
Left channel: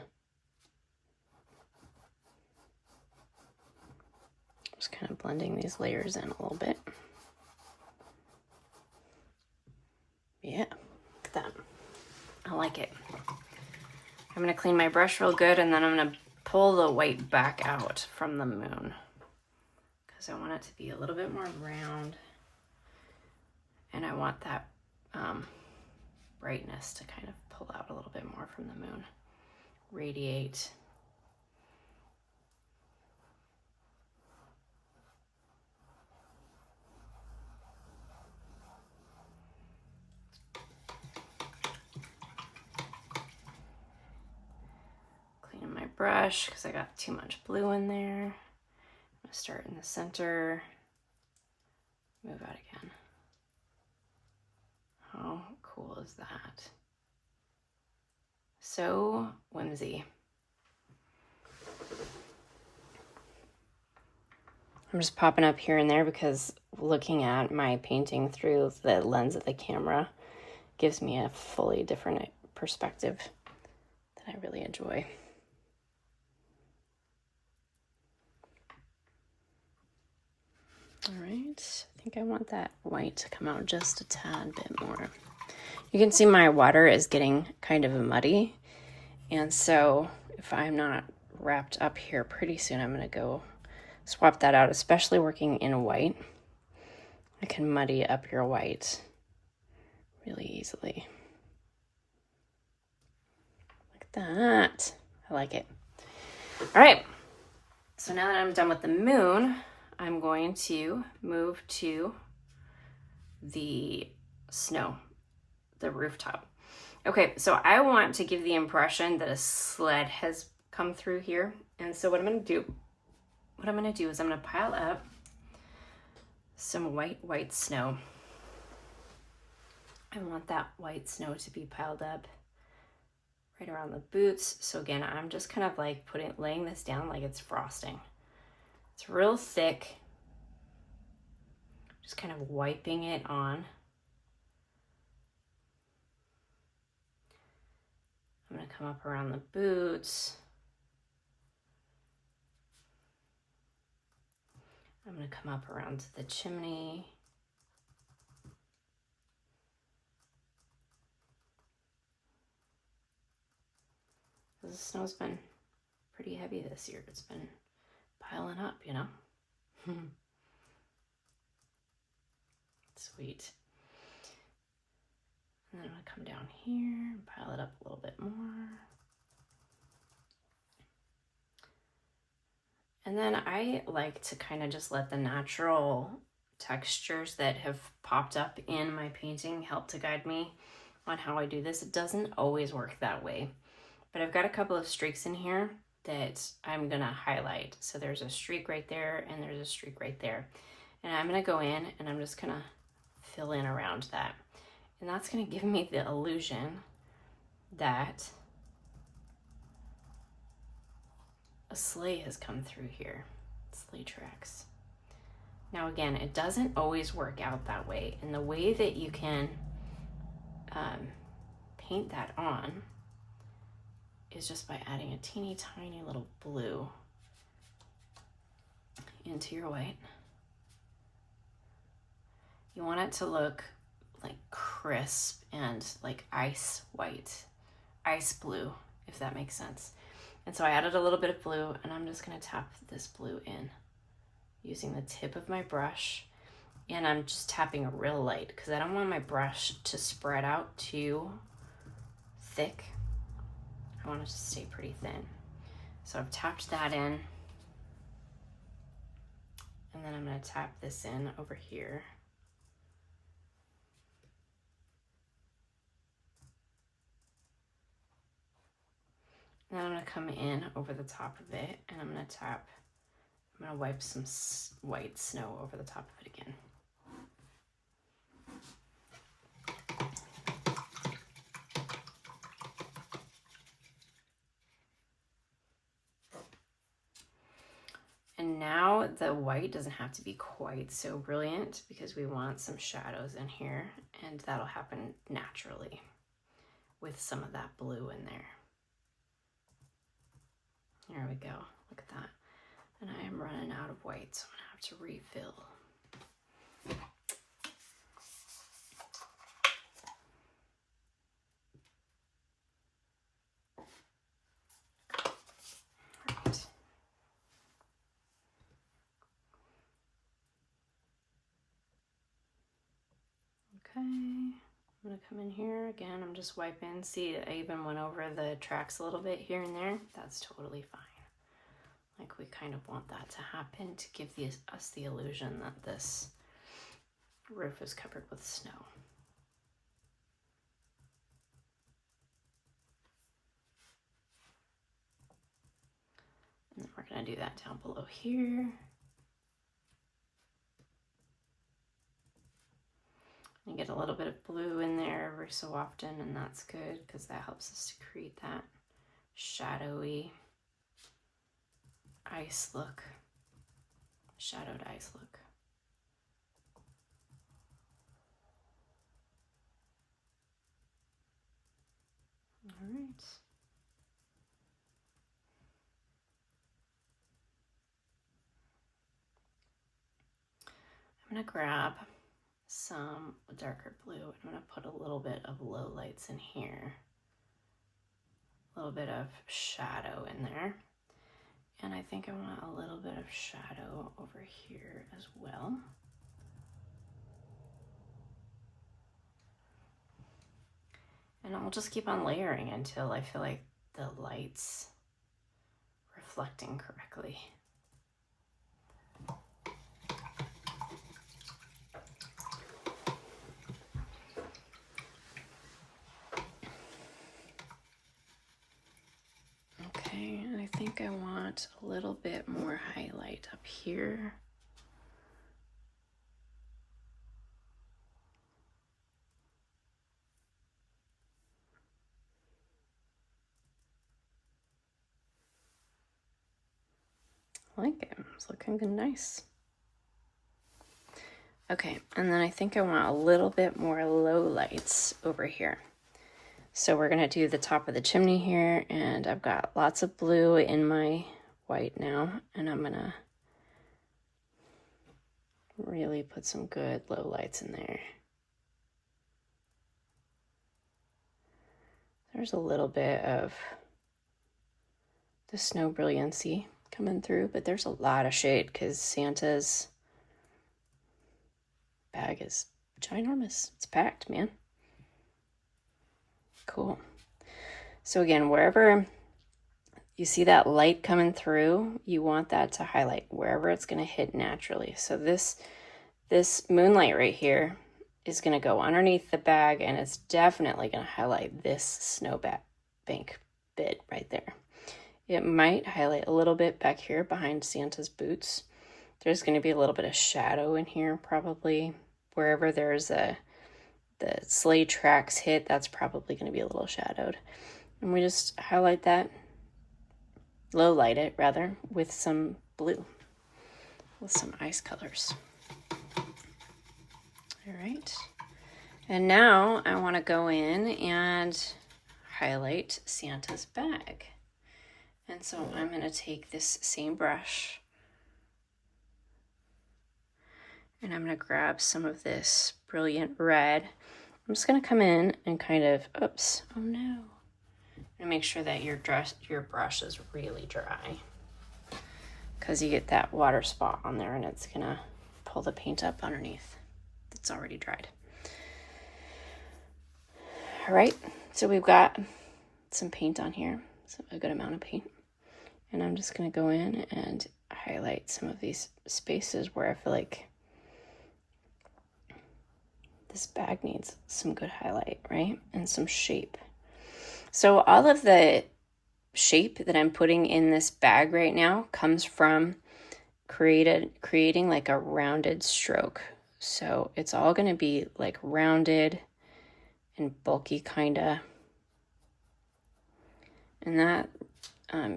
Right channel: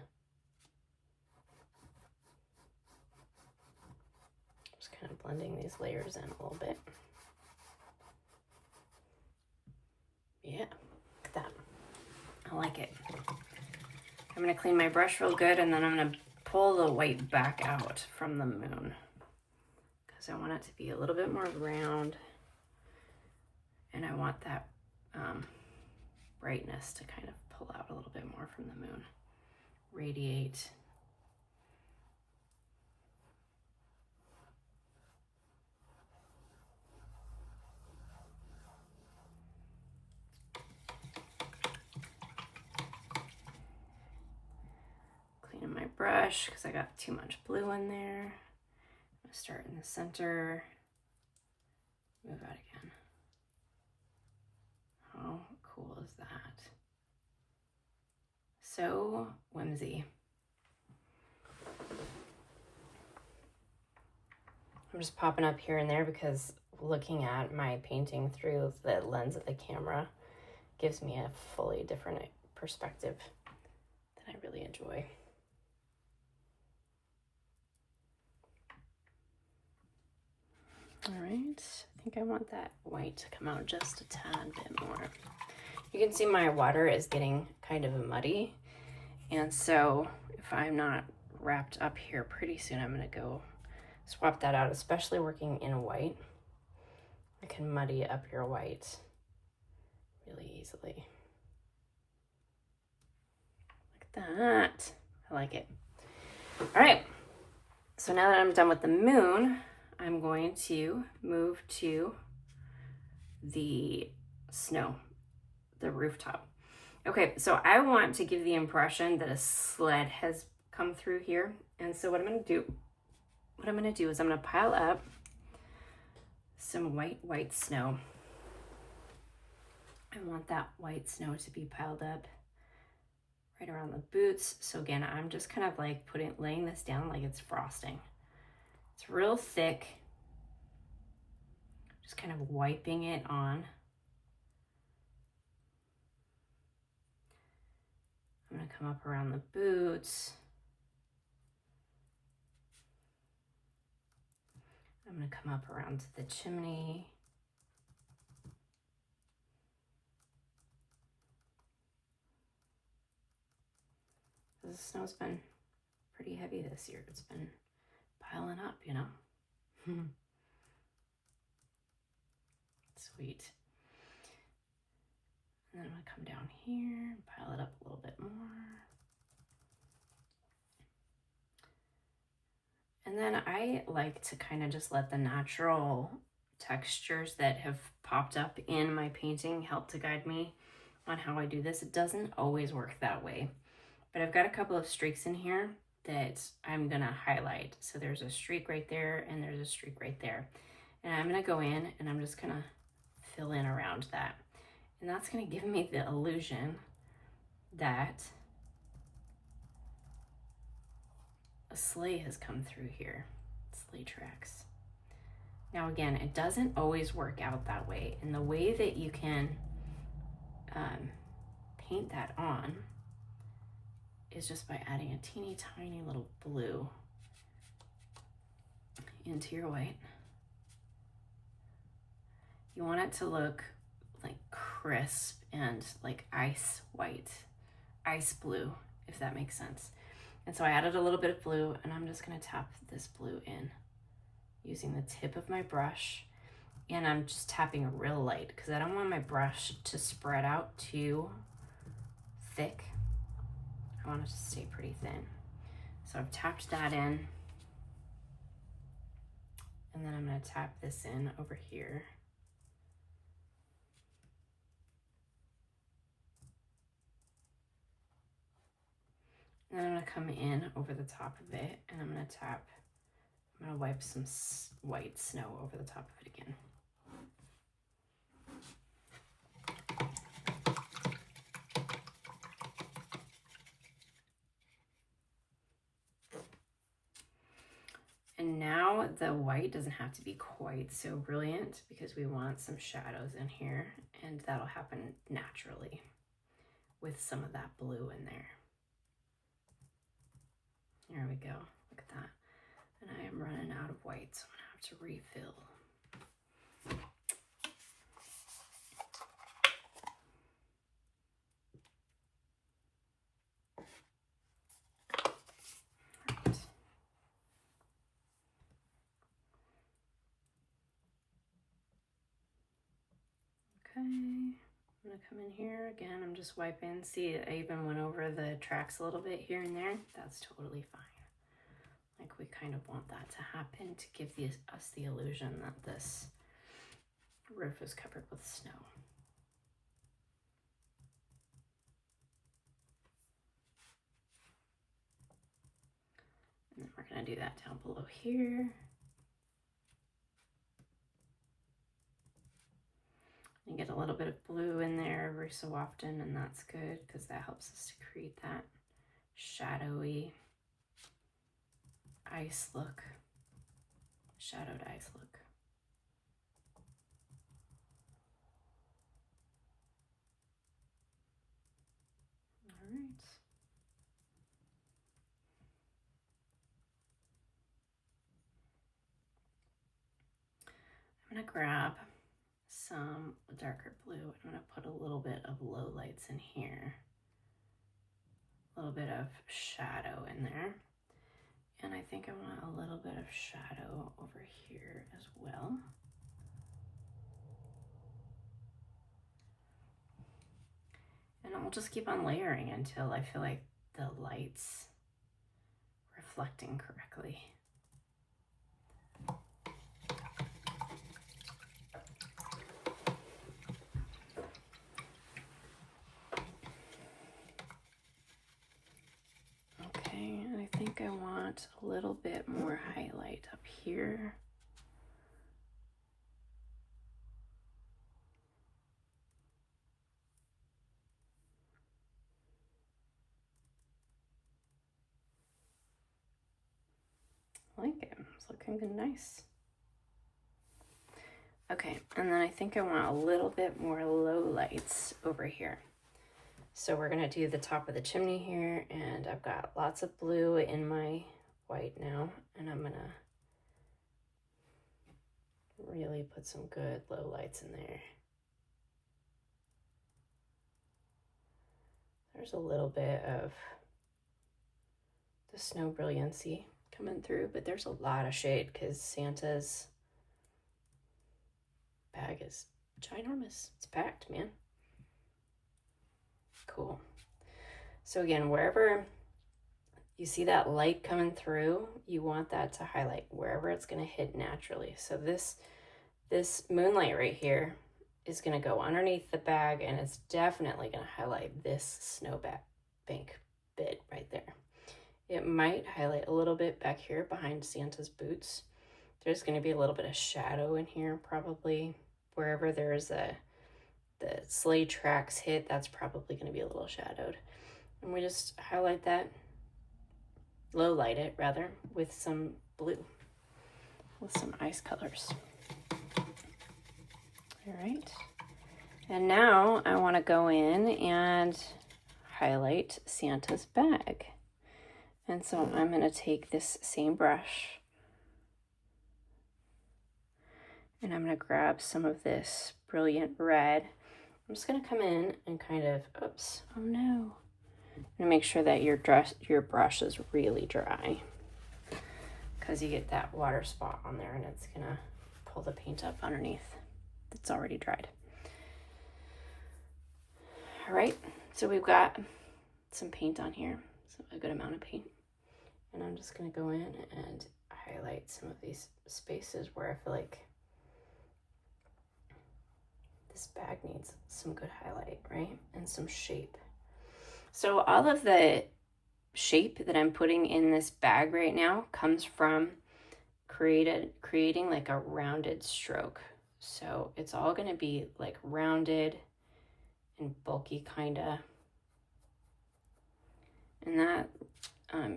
Just kind of blending these layers in a little bit. Yeah, look at that. I like it. I'm gonna clean my brush real good, and then I'm gonna pull the white back out from the moon because I want it to be a little bit more round, and I want that brightness to kind of pull out a little bit more from the moon, radiate. Cleaning my brush because I got too much blue in there. I'm gonna start in the center, move out again. How cool is that? So whimsy. I'm just popping up here and there because looking at my painting through the lens of the camera gives me a fully different perspective that I really enjoy. All right, I think I want that white to come out just a tad bit more. You can see my water is getting kind of muddy, and so if I'm not wrapped up here pretty soon, I'm gonna go swap that out, especially working in white. I can muddy up your white really easily. Look at that. I like it. All right, so now that I'm done with the moon, I'm going to move to the snow, the rooftop. Okay, so I want to give the impression that a sled has come through here. And so what I'm gonna do is I'm gonna pile up some white snow. I want that white snow to be piled up right around the boots. So again, I'm just kind of like laying this down like it's frosting. It's real thick. Just kind of wiping it on. I'm gonna come up around the boots. I'm gonna come up around the chimney. The snow's been pretty heavy this year. It's been piling up, you know? Sweet. And then I'm gonna come down here and pile it up a little bit more. And then I like to kind of just let the natural textures that have popped up in my painting help to guide me on how I do this. It doesn't always work that way, but I've got a couple of streaks in here that I'm gonna highlight. So there's a streak right there and there's a streak right there. And I'm gonna go in and I'm just gonna fill in around that. And that's gonna give me the illusion that a sleigh has come through here, sleigh tracks. Now again, it doesn't always work out that way. And the way that you can paint that on is just by adding a teeny tiny little blue into your white. You want it to look like crisp and like ice white, ice blue, if that makes sense. And so I added a little bit of blue and I'm just gonna tap this blue in using the tip of my brush. And I'm just tapping real light because I don't want my brush to spread out too thick. I want it to stay pretty thin. So I've tapped that in. And then I'm gonna tap this in over here. And then I'm gonna come in over the top of it and I'm gonna wipe some white snow over the top of it again. And now the white doesn't have to be quite so brilliant because we want some shadows in here, and that'll happen naturally with some of that blue in there. There we go, look at that. And I am running out of white, so I'm gonna have to refill. I'm gonna come in here again. I'm just wiping. See, I even went over the tracks a little bit here and there. That's totally fine. Like, we kind of want that to happen to give us the illusion that this roof is covered with snow. And then we're gonna do that down below here. You get a little bit of blue in there every so often, and that's good because that helps us to create that shadowy ice look, shadowed ice look. All right. I'm gonna grab some darker blue. I'm gonna put a little bit of low lights in here, a little bit of shadow in there. And I think I want a little bit of shadow over here as well. And I'll just keep on layering until I feel like the light's reflecting correctly. Okay, and I think I want a little bit more highlight up here. I like it. It's looking good, nice. Okay, and then I think I want a little bit more low lights over here. So we're gonna do the top of the chimney here, and I've got lots of blue in my white now, and I'm gonna Really put some good low lights in there. There's a little bit of the snow brilliancy coming through, but there's a lot of shade because Santa's bag is ginormous. It's packed, man. Cool. So again, wherever you see that light coming through, you want that to highlight wherever it's going to hit naturally. So this moonlight right here is going to go underneath the bag, and it's definitely going to highlight this snow bank bit right there. It might highlight a little bit back here behind Santa's boots. There's going to be a little bit of shadow in here, probably. Wherever there's the sleigh tracks hit, that's probably going to be a little shadowed. And we just highlight that, low light it rather, with some blue, with some ice colors. All right. And now I want to go in and highlight Santa's bag. And so I'm going to take this same brush and I'm going to grab some of this brilliant red. I'm just going to come in and kind of, oops, oh no. And make sure that your brush is really dry, because you get that water spot on there and it's going to pull the paint up underneath. It's already dried. All right, so we've got some paint on here, so a good amount of paint. And I'm just going to go in and highlight some of these spaces where I feel like this bag needs some good highlight, right? And some shape. So all of the shape that I'm putting in this bag right now comes from creating like a rounded stroke. So it's all going to be like rounded and bulky kind of. And that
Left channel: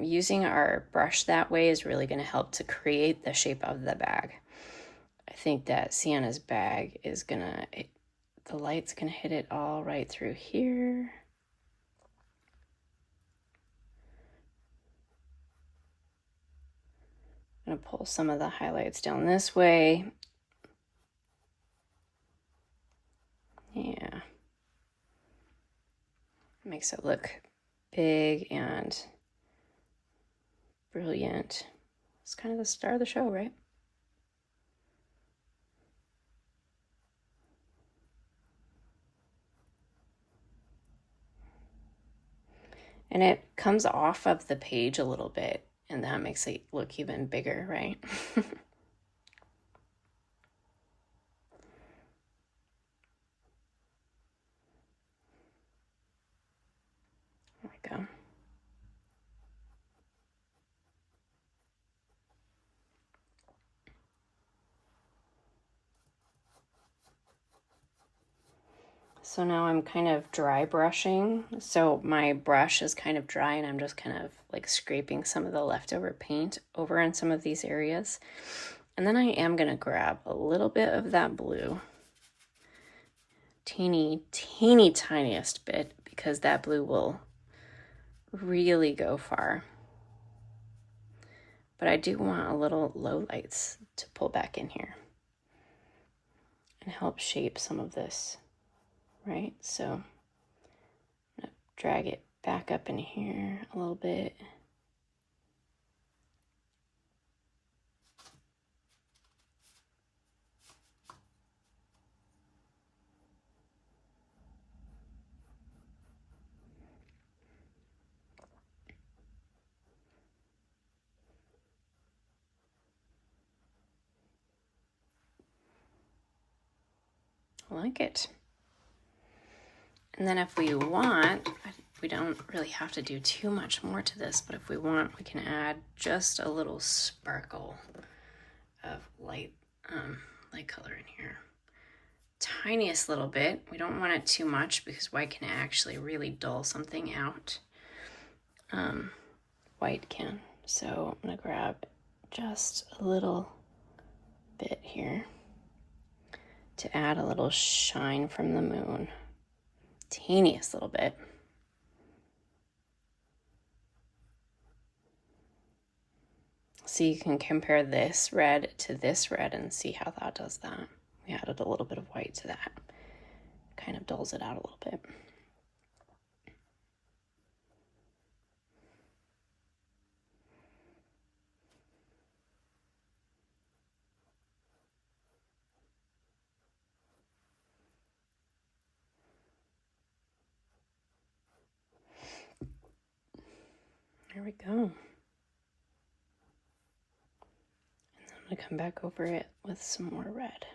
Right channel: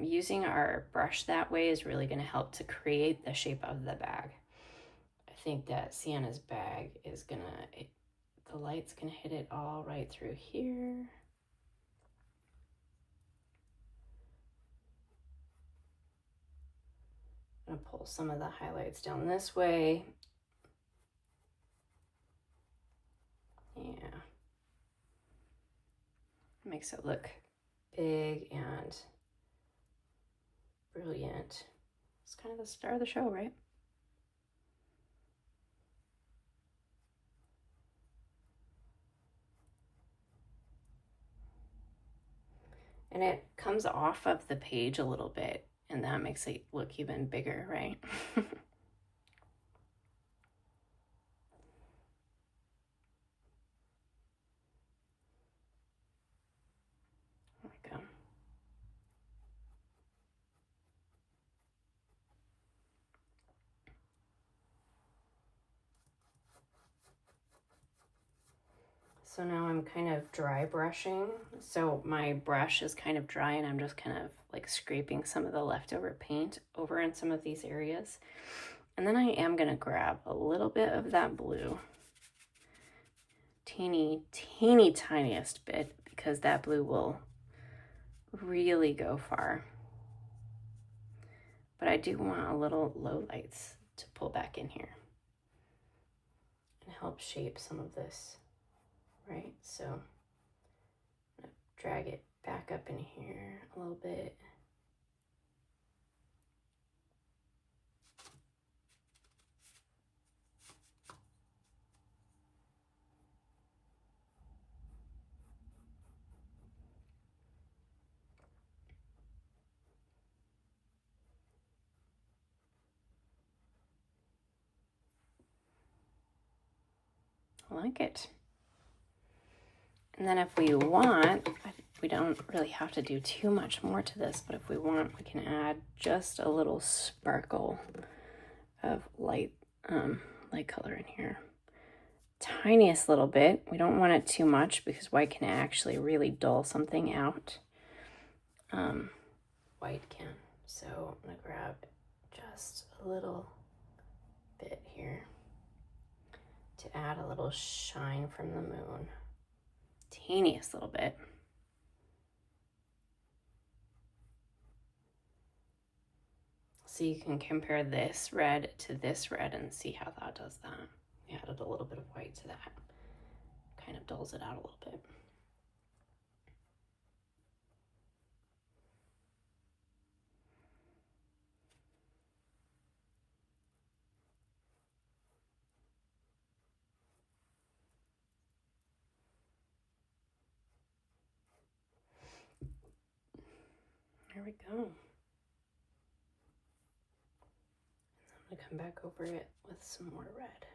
using our brush that way is really going to help to create the shape of the bag. I think that Santa's bag is the light's going to hit it all right through here. I'm going to pull some of the highlights down this way. Yeah. Makes it look big and brilliant. It's kind of the star of the show, right? And it comes off of the page a little bit, and that makes it look even bigger, right? There we go. So now I'm kind of dry brushing. So my brush is kind of dry and I'm just kind of like scraping some of the leftover paint over in some of these areas. And then I am going to grab a little bit of that blue, teeny tiniest bit, because that blue will really go far. But I do want a little low lights to pull back in here and help shape some of this, right? So I'm gonna drag it back up in here a little bit. I like it. And then if we want, we don't really have to do too much more to this, but if we want, we can add just a little sparkle of light color in here. Tiniest little bit. We don't want it too much because white can actually really dull something out. White can. So I'm gonna grab just a little bit here to add a little shine from the moon. Teeniest little bit. So you can compare this red to this red and see how that does that. We added a little bit of white to that. Kind of dulls it out a little bit. There we go. And I'm going to come back over it with some more red.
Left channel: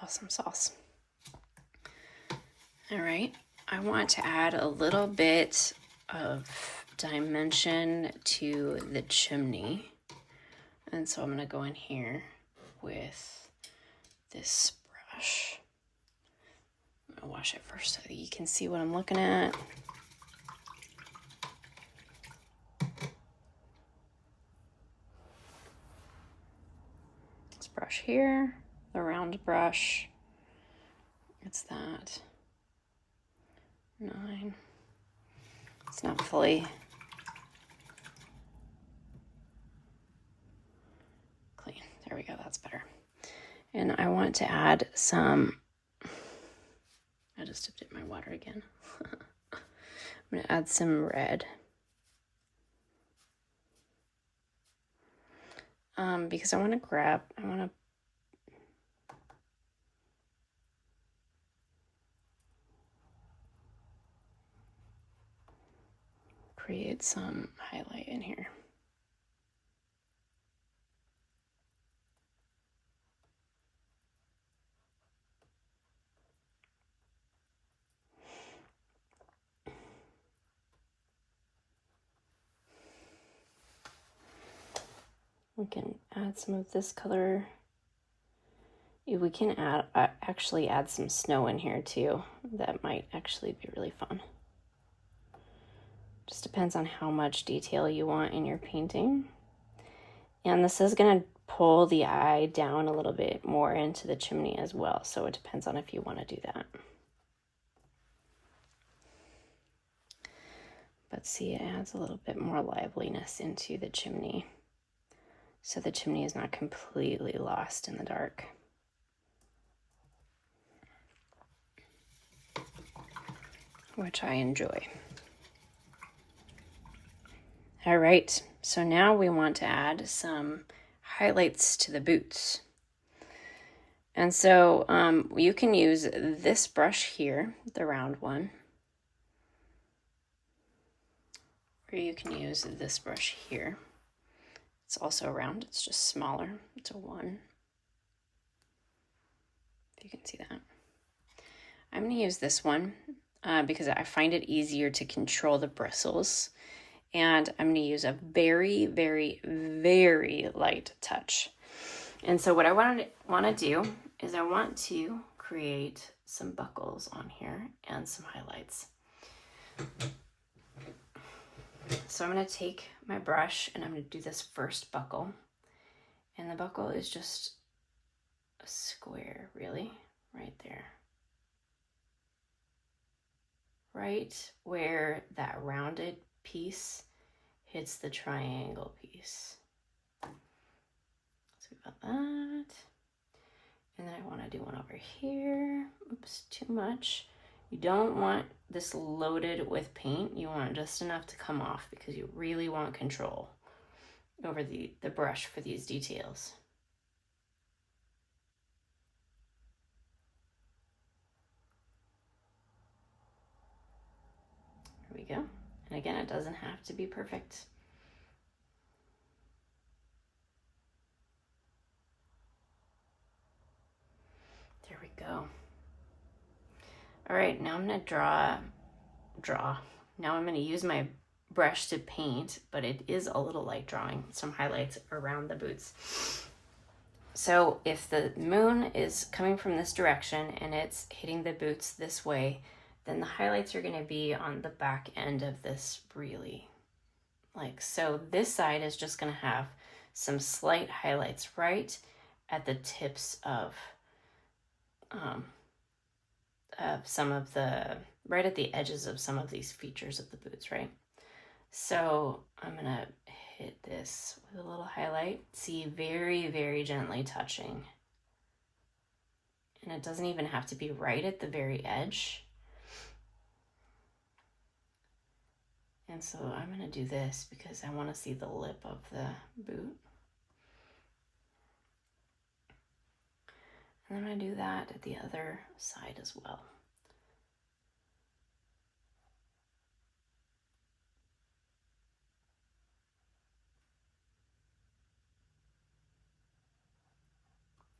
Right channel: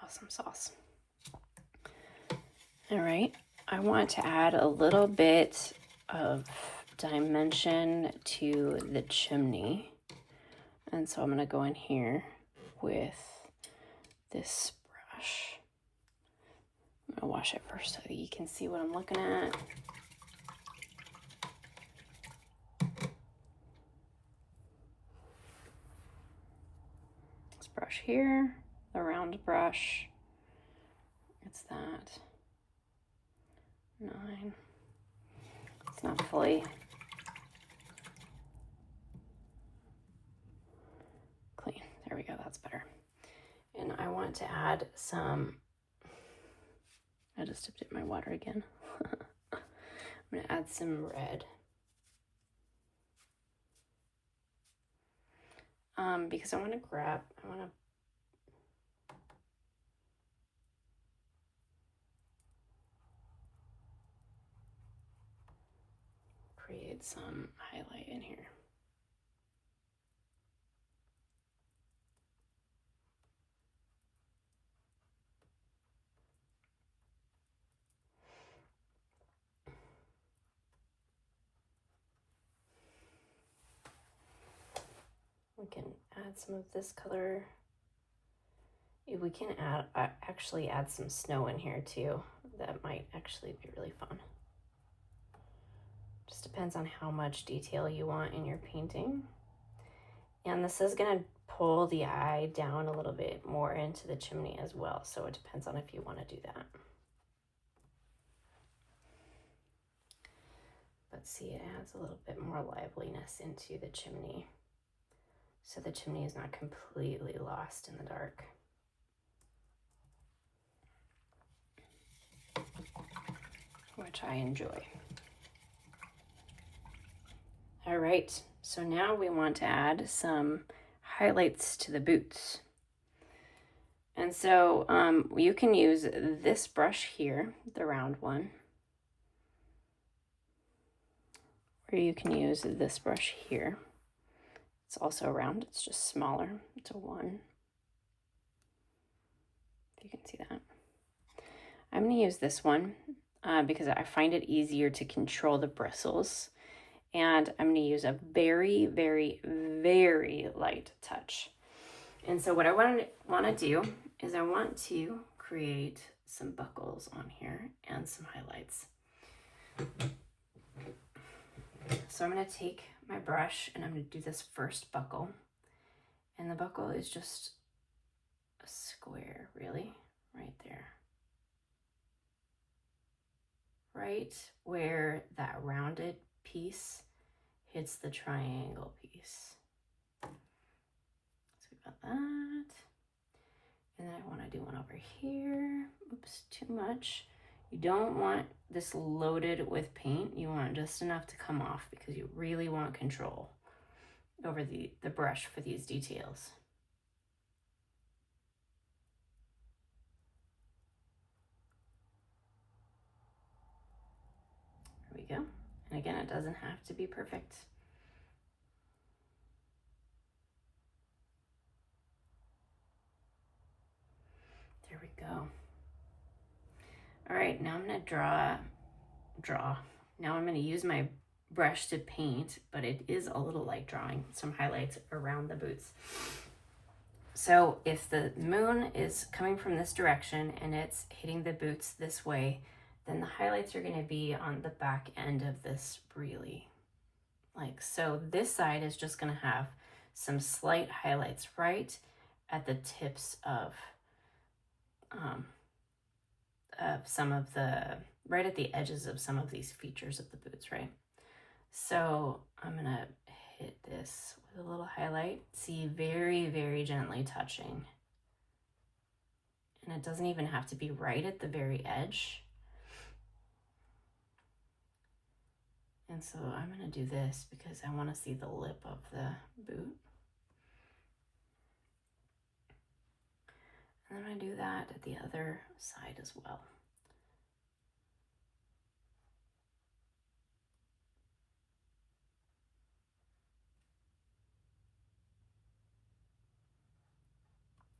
Awesome sauce. All right, I want to add a little bit of dimension to the chimney. And so I'm going to go in here with this brush. I'm going to wash it first so that you can see what I'm looking at. This brush here, the round brush. It's that 9. It's not fully clean. There we go, that's better. And I want to add some, I just dipped it in my water again. I'm gonna add some red. Because I want to create some highlight in here. We can add some of this color. We can actually add some snow in here too. That might actually be really fun. Just depends on how much detail you want in your painting. And this is gonna pull the eye down a little bit more into the chimney as well. So it depends on if you want to do that. But see, it adds a little bit more liveliness into the chimney. So the chimney is not completely lost in the dark. Which I enjoy. All right, so now we want to add some highlights to the boots. And so you can use this brush here, the round one, or you can use this brush here. It's also round, it's just smaller. It's a 1. If you can see that. I'm going to use this one because I find it easier to control the bristles. And I'm going to use a very, very, very light touch. And so what I want to do is I want to create some buckles on here and some highlights. So I'm going to take my brush and I'm going to do this first buckle. And the buckle is just a square, really, right there. Right where that rounded piece hits the triangle piece. So we've got that. And then I want to do one over here. Oops, too much. You don't want this loaded with paint. You want just enough to come off because you really want control over the brush for these details. There we go. And again, it doesn't have to be perfect. There we go. All right, now I'm gonna draw. Now I'm gonna use my brush to paint, but it is a little like drawing some highlights around the boots. So if the moon is coming from this direction and it's hitting the boots this way, then the highlights are gonna be on the back end of this really. Like, so this side is just gonna have some slight highlights right at the tips of some of the, right at the edges of some of these features of the boots, right? So I'm gonna hit this with a little highlight. See, very, very gently touching. And it doesn't even have to be right at the very edge. And so I'm gonna do this because I wanna see the lip of the boot. And I'm gonna do that at the other side as well.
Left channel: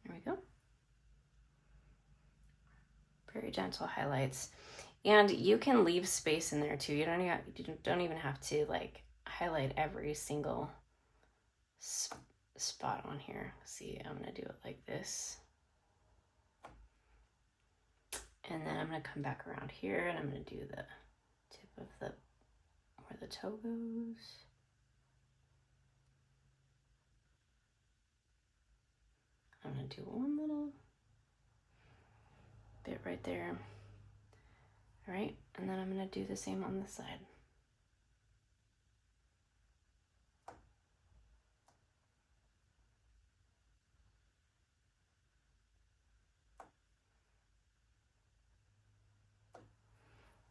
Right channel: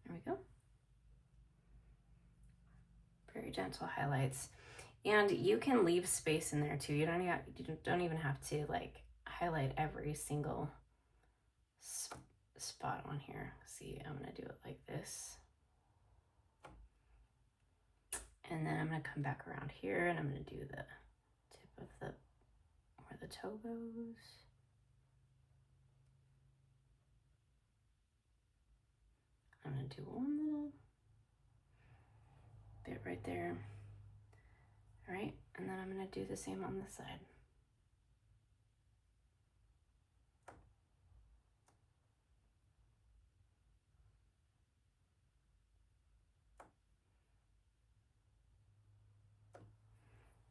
There we go. Very gentle highlights. And you can leave space in there too. You don't even have to like highlight every single spot on here. See, I'm gonna do it like this. And then I'm gonna come back around here and I'm gonna do the tip of the, where the toe goes. I'm gonna do one little bit right there. All right, and then I'm gonna do the same on this side.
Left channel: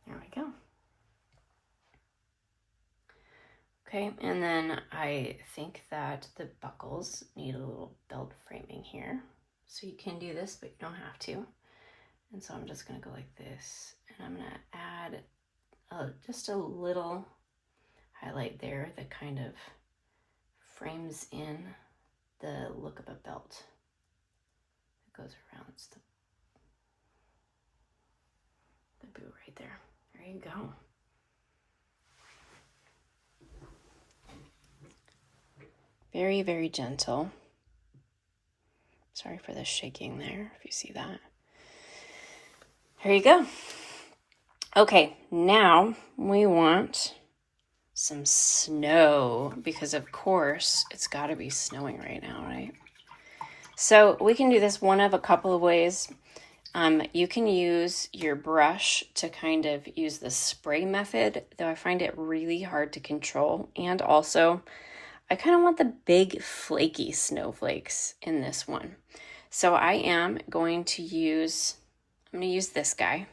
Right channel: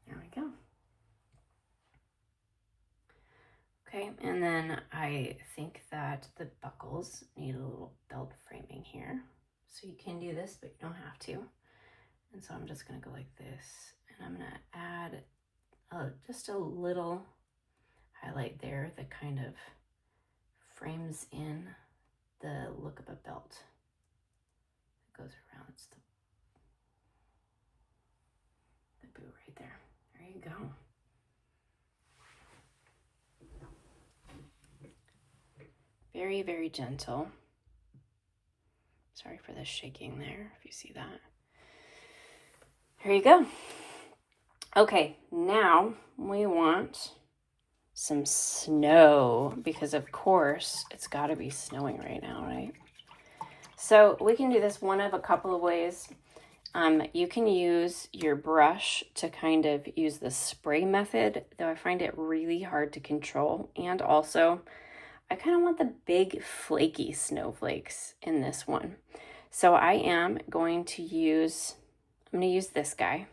There we go. Okay, and then I think that the buckles need a little belt framing here. So you can do this, but you don't have to. And so I'm just gonna go like this, and I'm gonna add just a little highlight there that kind of frames in the look of a belt that goes around the boot right there. There you go. Very, very gentle. Sorry for the shaking there, if you see that. There you go. Okay, now we want some snow, because of course it's got to be snowing right now, right? So we can do this one of a couple of ways. You can use your brush to kind of use the spray method, though I find it really hard to control. And also, I kind of want the big flaky snowflakes in this one. So I am going to use, I'm going to use this guy.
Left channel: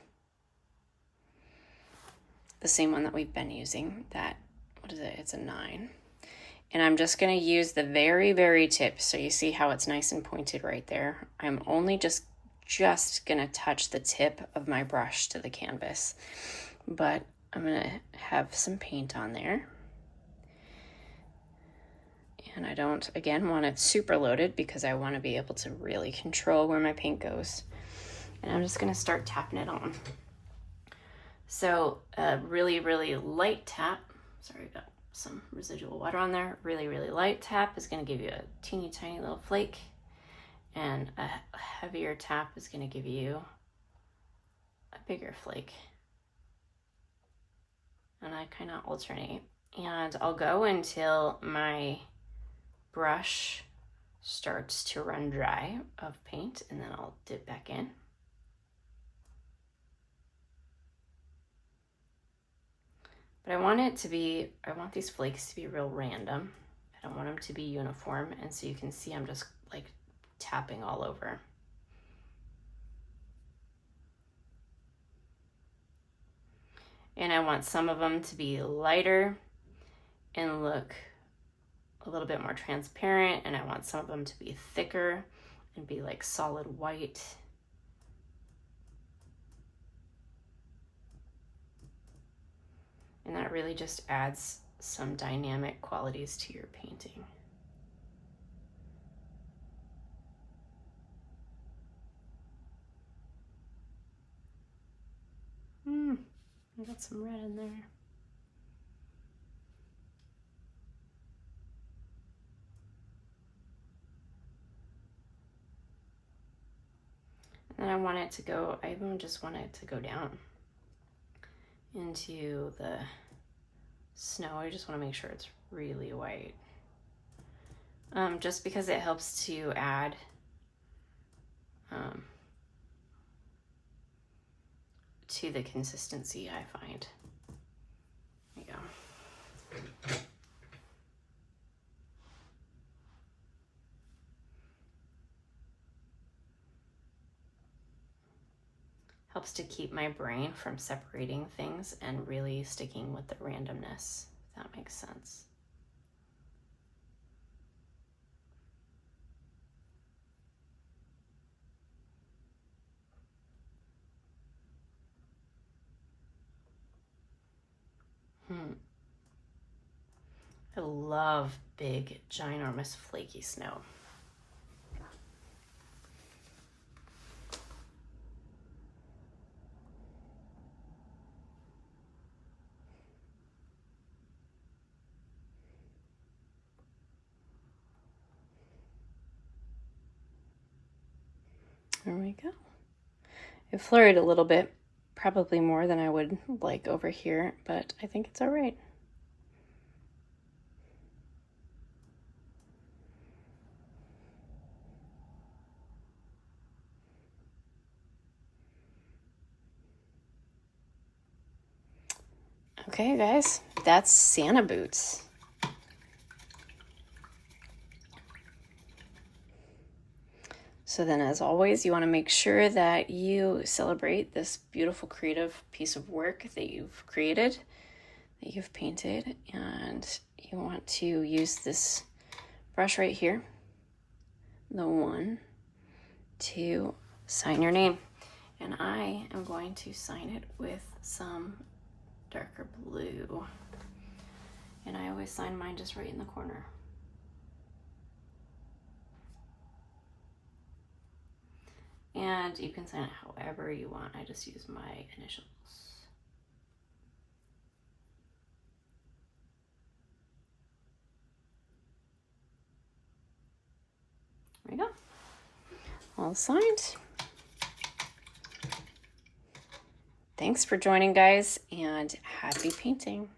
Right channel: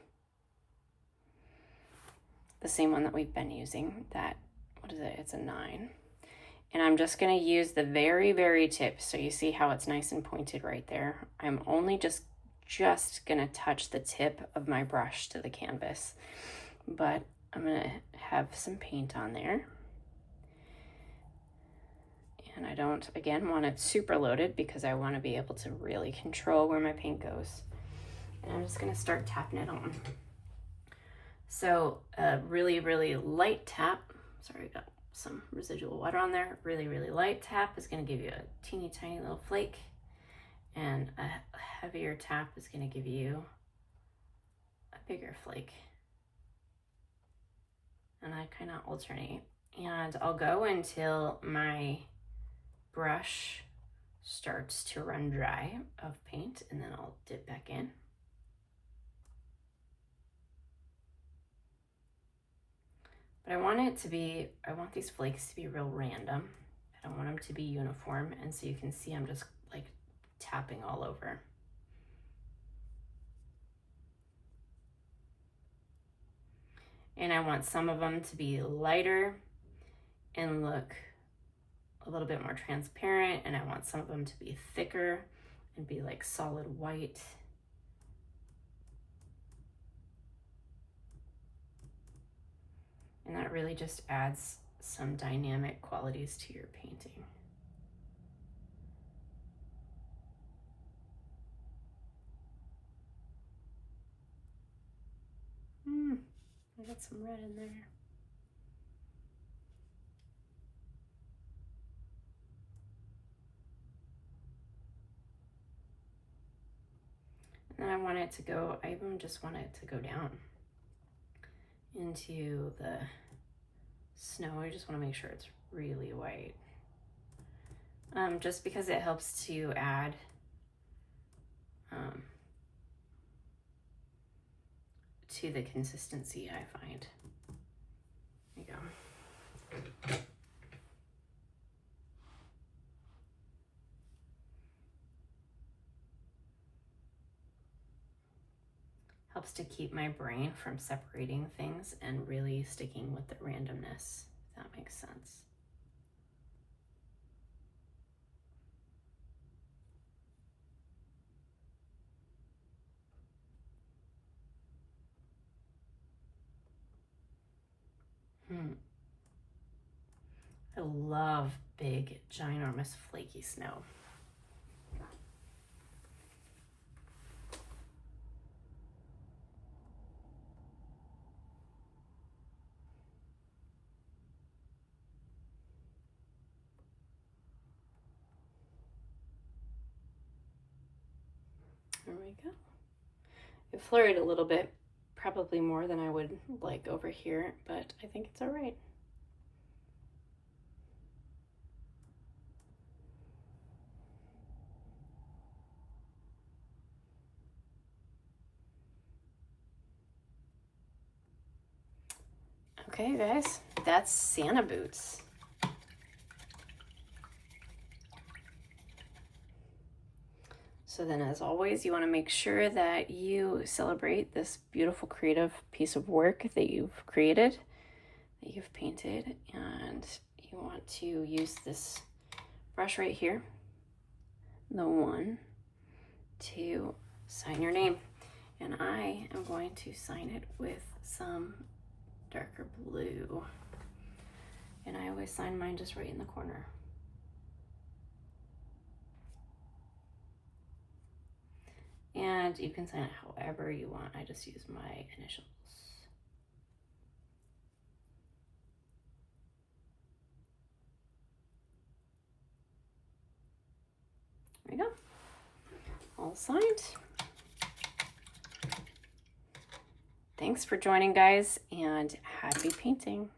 The same one that we've been using, that, what is it? It's a 9. And I'm just going to use the very, very tip. So you see how it's nice and pointed right there. I'm only just going to touch the tip of my brush to the canvas. But I'm going to have some paint on there. And I don't, again, want it super loaded because I want to be able to really control where my paint goes. And I'm just going to start tapping it on. So a really, really light tap. Sorry, I got some residual water on there. Really, really light tap is going to give you a teeny tiny little flake. And a heavier tap is going to give you a bigger flake. And I kind of alternate. And I'll go until my brush starts to run dry of paint, and then I'll dip back in. But I want these flakes to be real random. I don't want them to be uniform, and so you can see I'm just like tapping all over. And I want some of them to be lighter and look a little bit more transparent, and I want some of them to be thicker and be like solid white. And that really just adds some dynamic qualities to your painting. I got some red in there. And then I want it to go, I even just want it to go down into the snow. I just want to make sure it's really white. just because it helps to add to the consistency, I find. There you go. Helps to keep my brain from separating things and really sticking with the randomness, if that makes sense. I love big, ginormous, flaky snow. There we go. It flurried a little bit, probably more than I would like over here, but I think it's all right. Okay, guys, that's Santa boots. So then, as always, you want to make sure that you celebrate this beautiful creative piece of work that you've created, that you've painted, and you want to use this brush right here, the one, to sign your name. And I am going to sign it with some darker blue. And I always sign mine just right in the corner. And you can sign it however you want. I just use my initials. There we go. All signed. Thanks for joining, guys, and happy painting.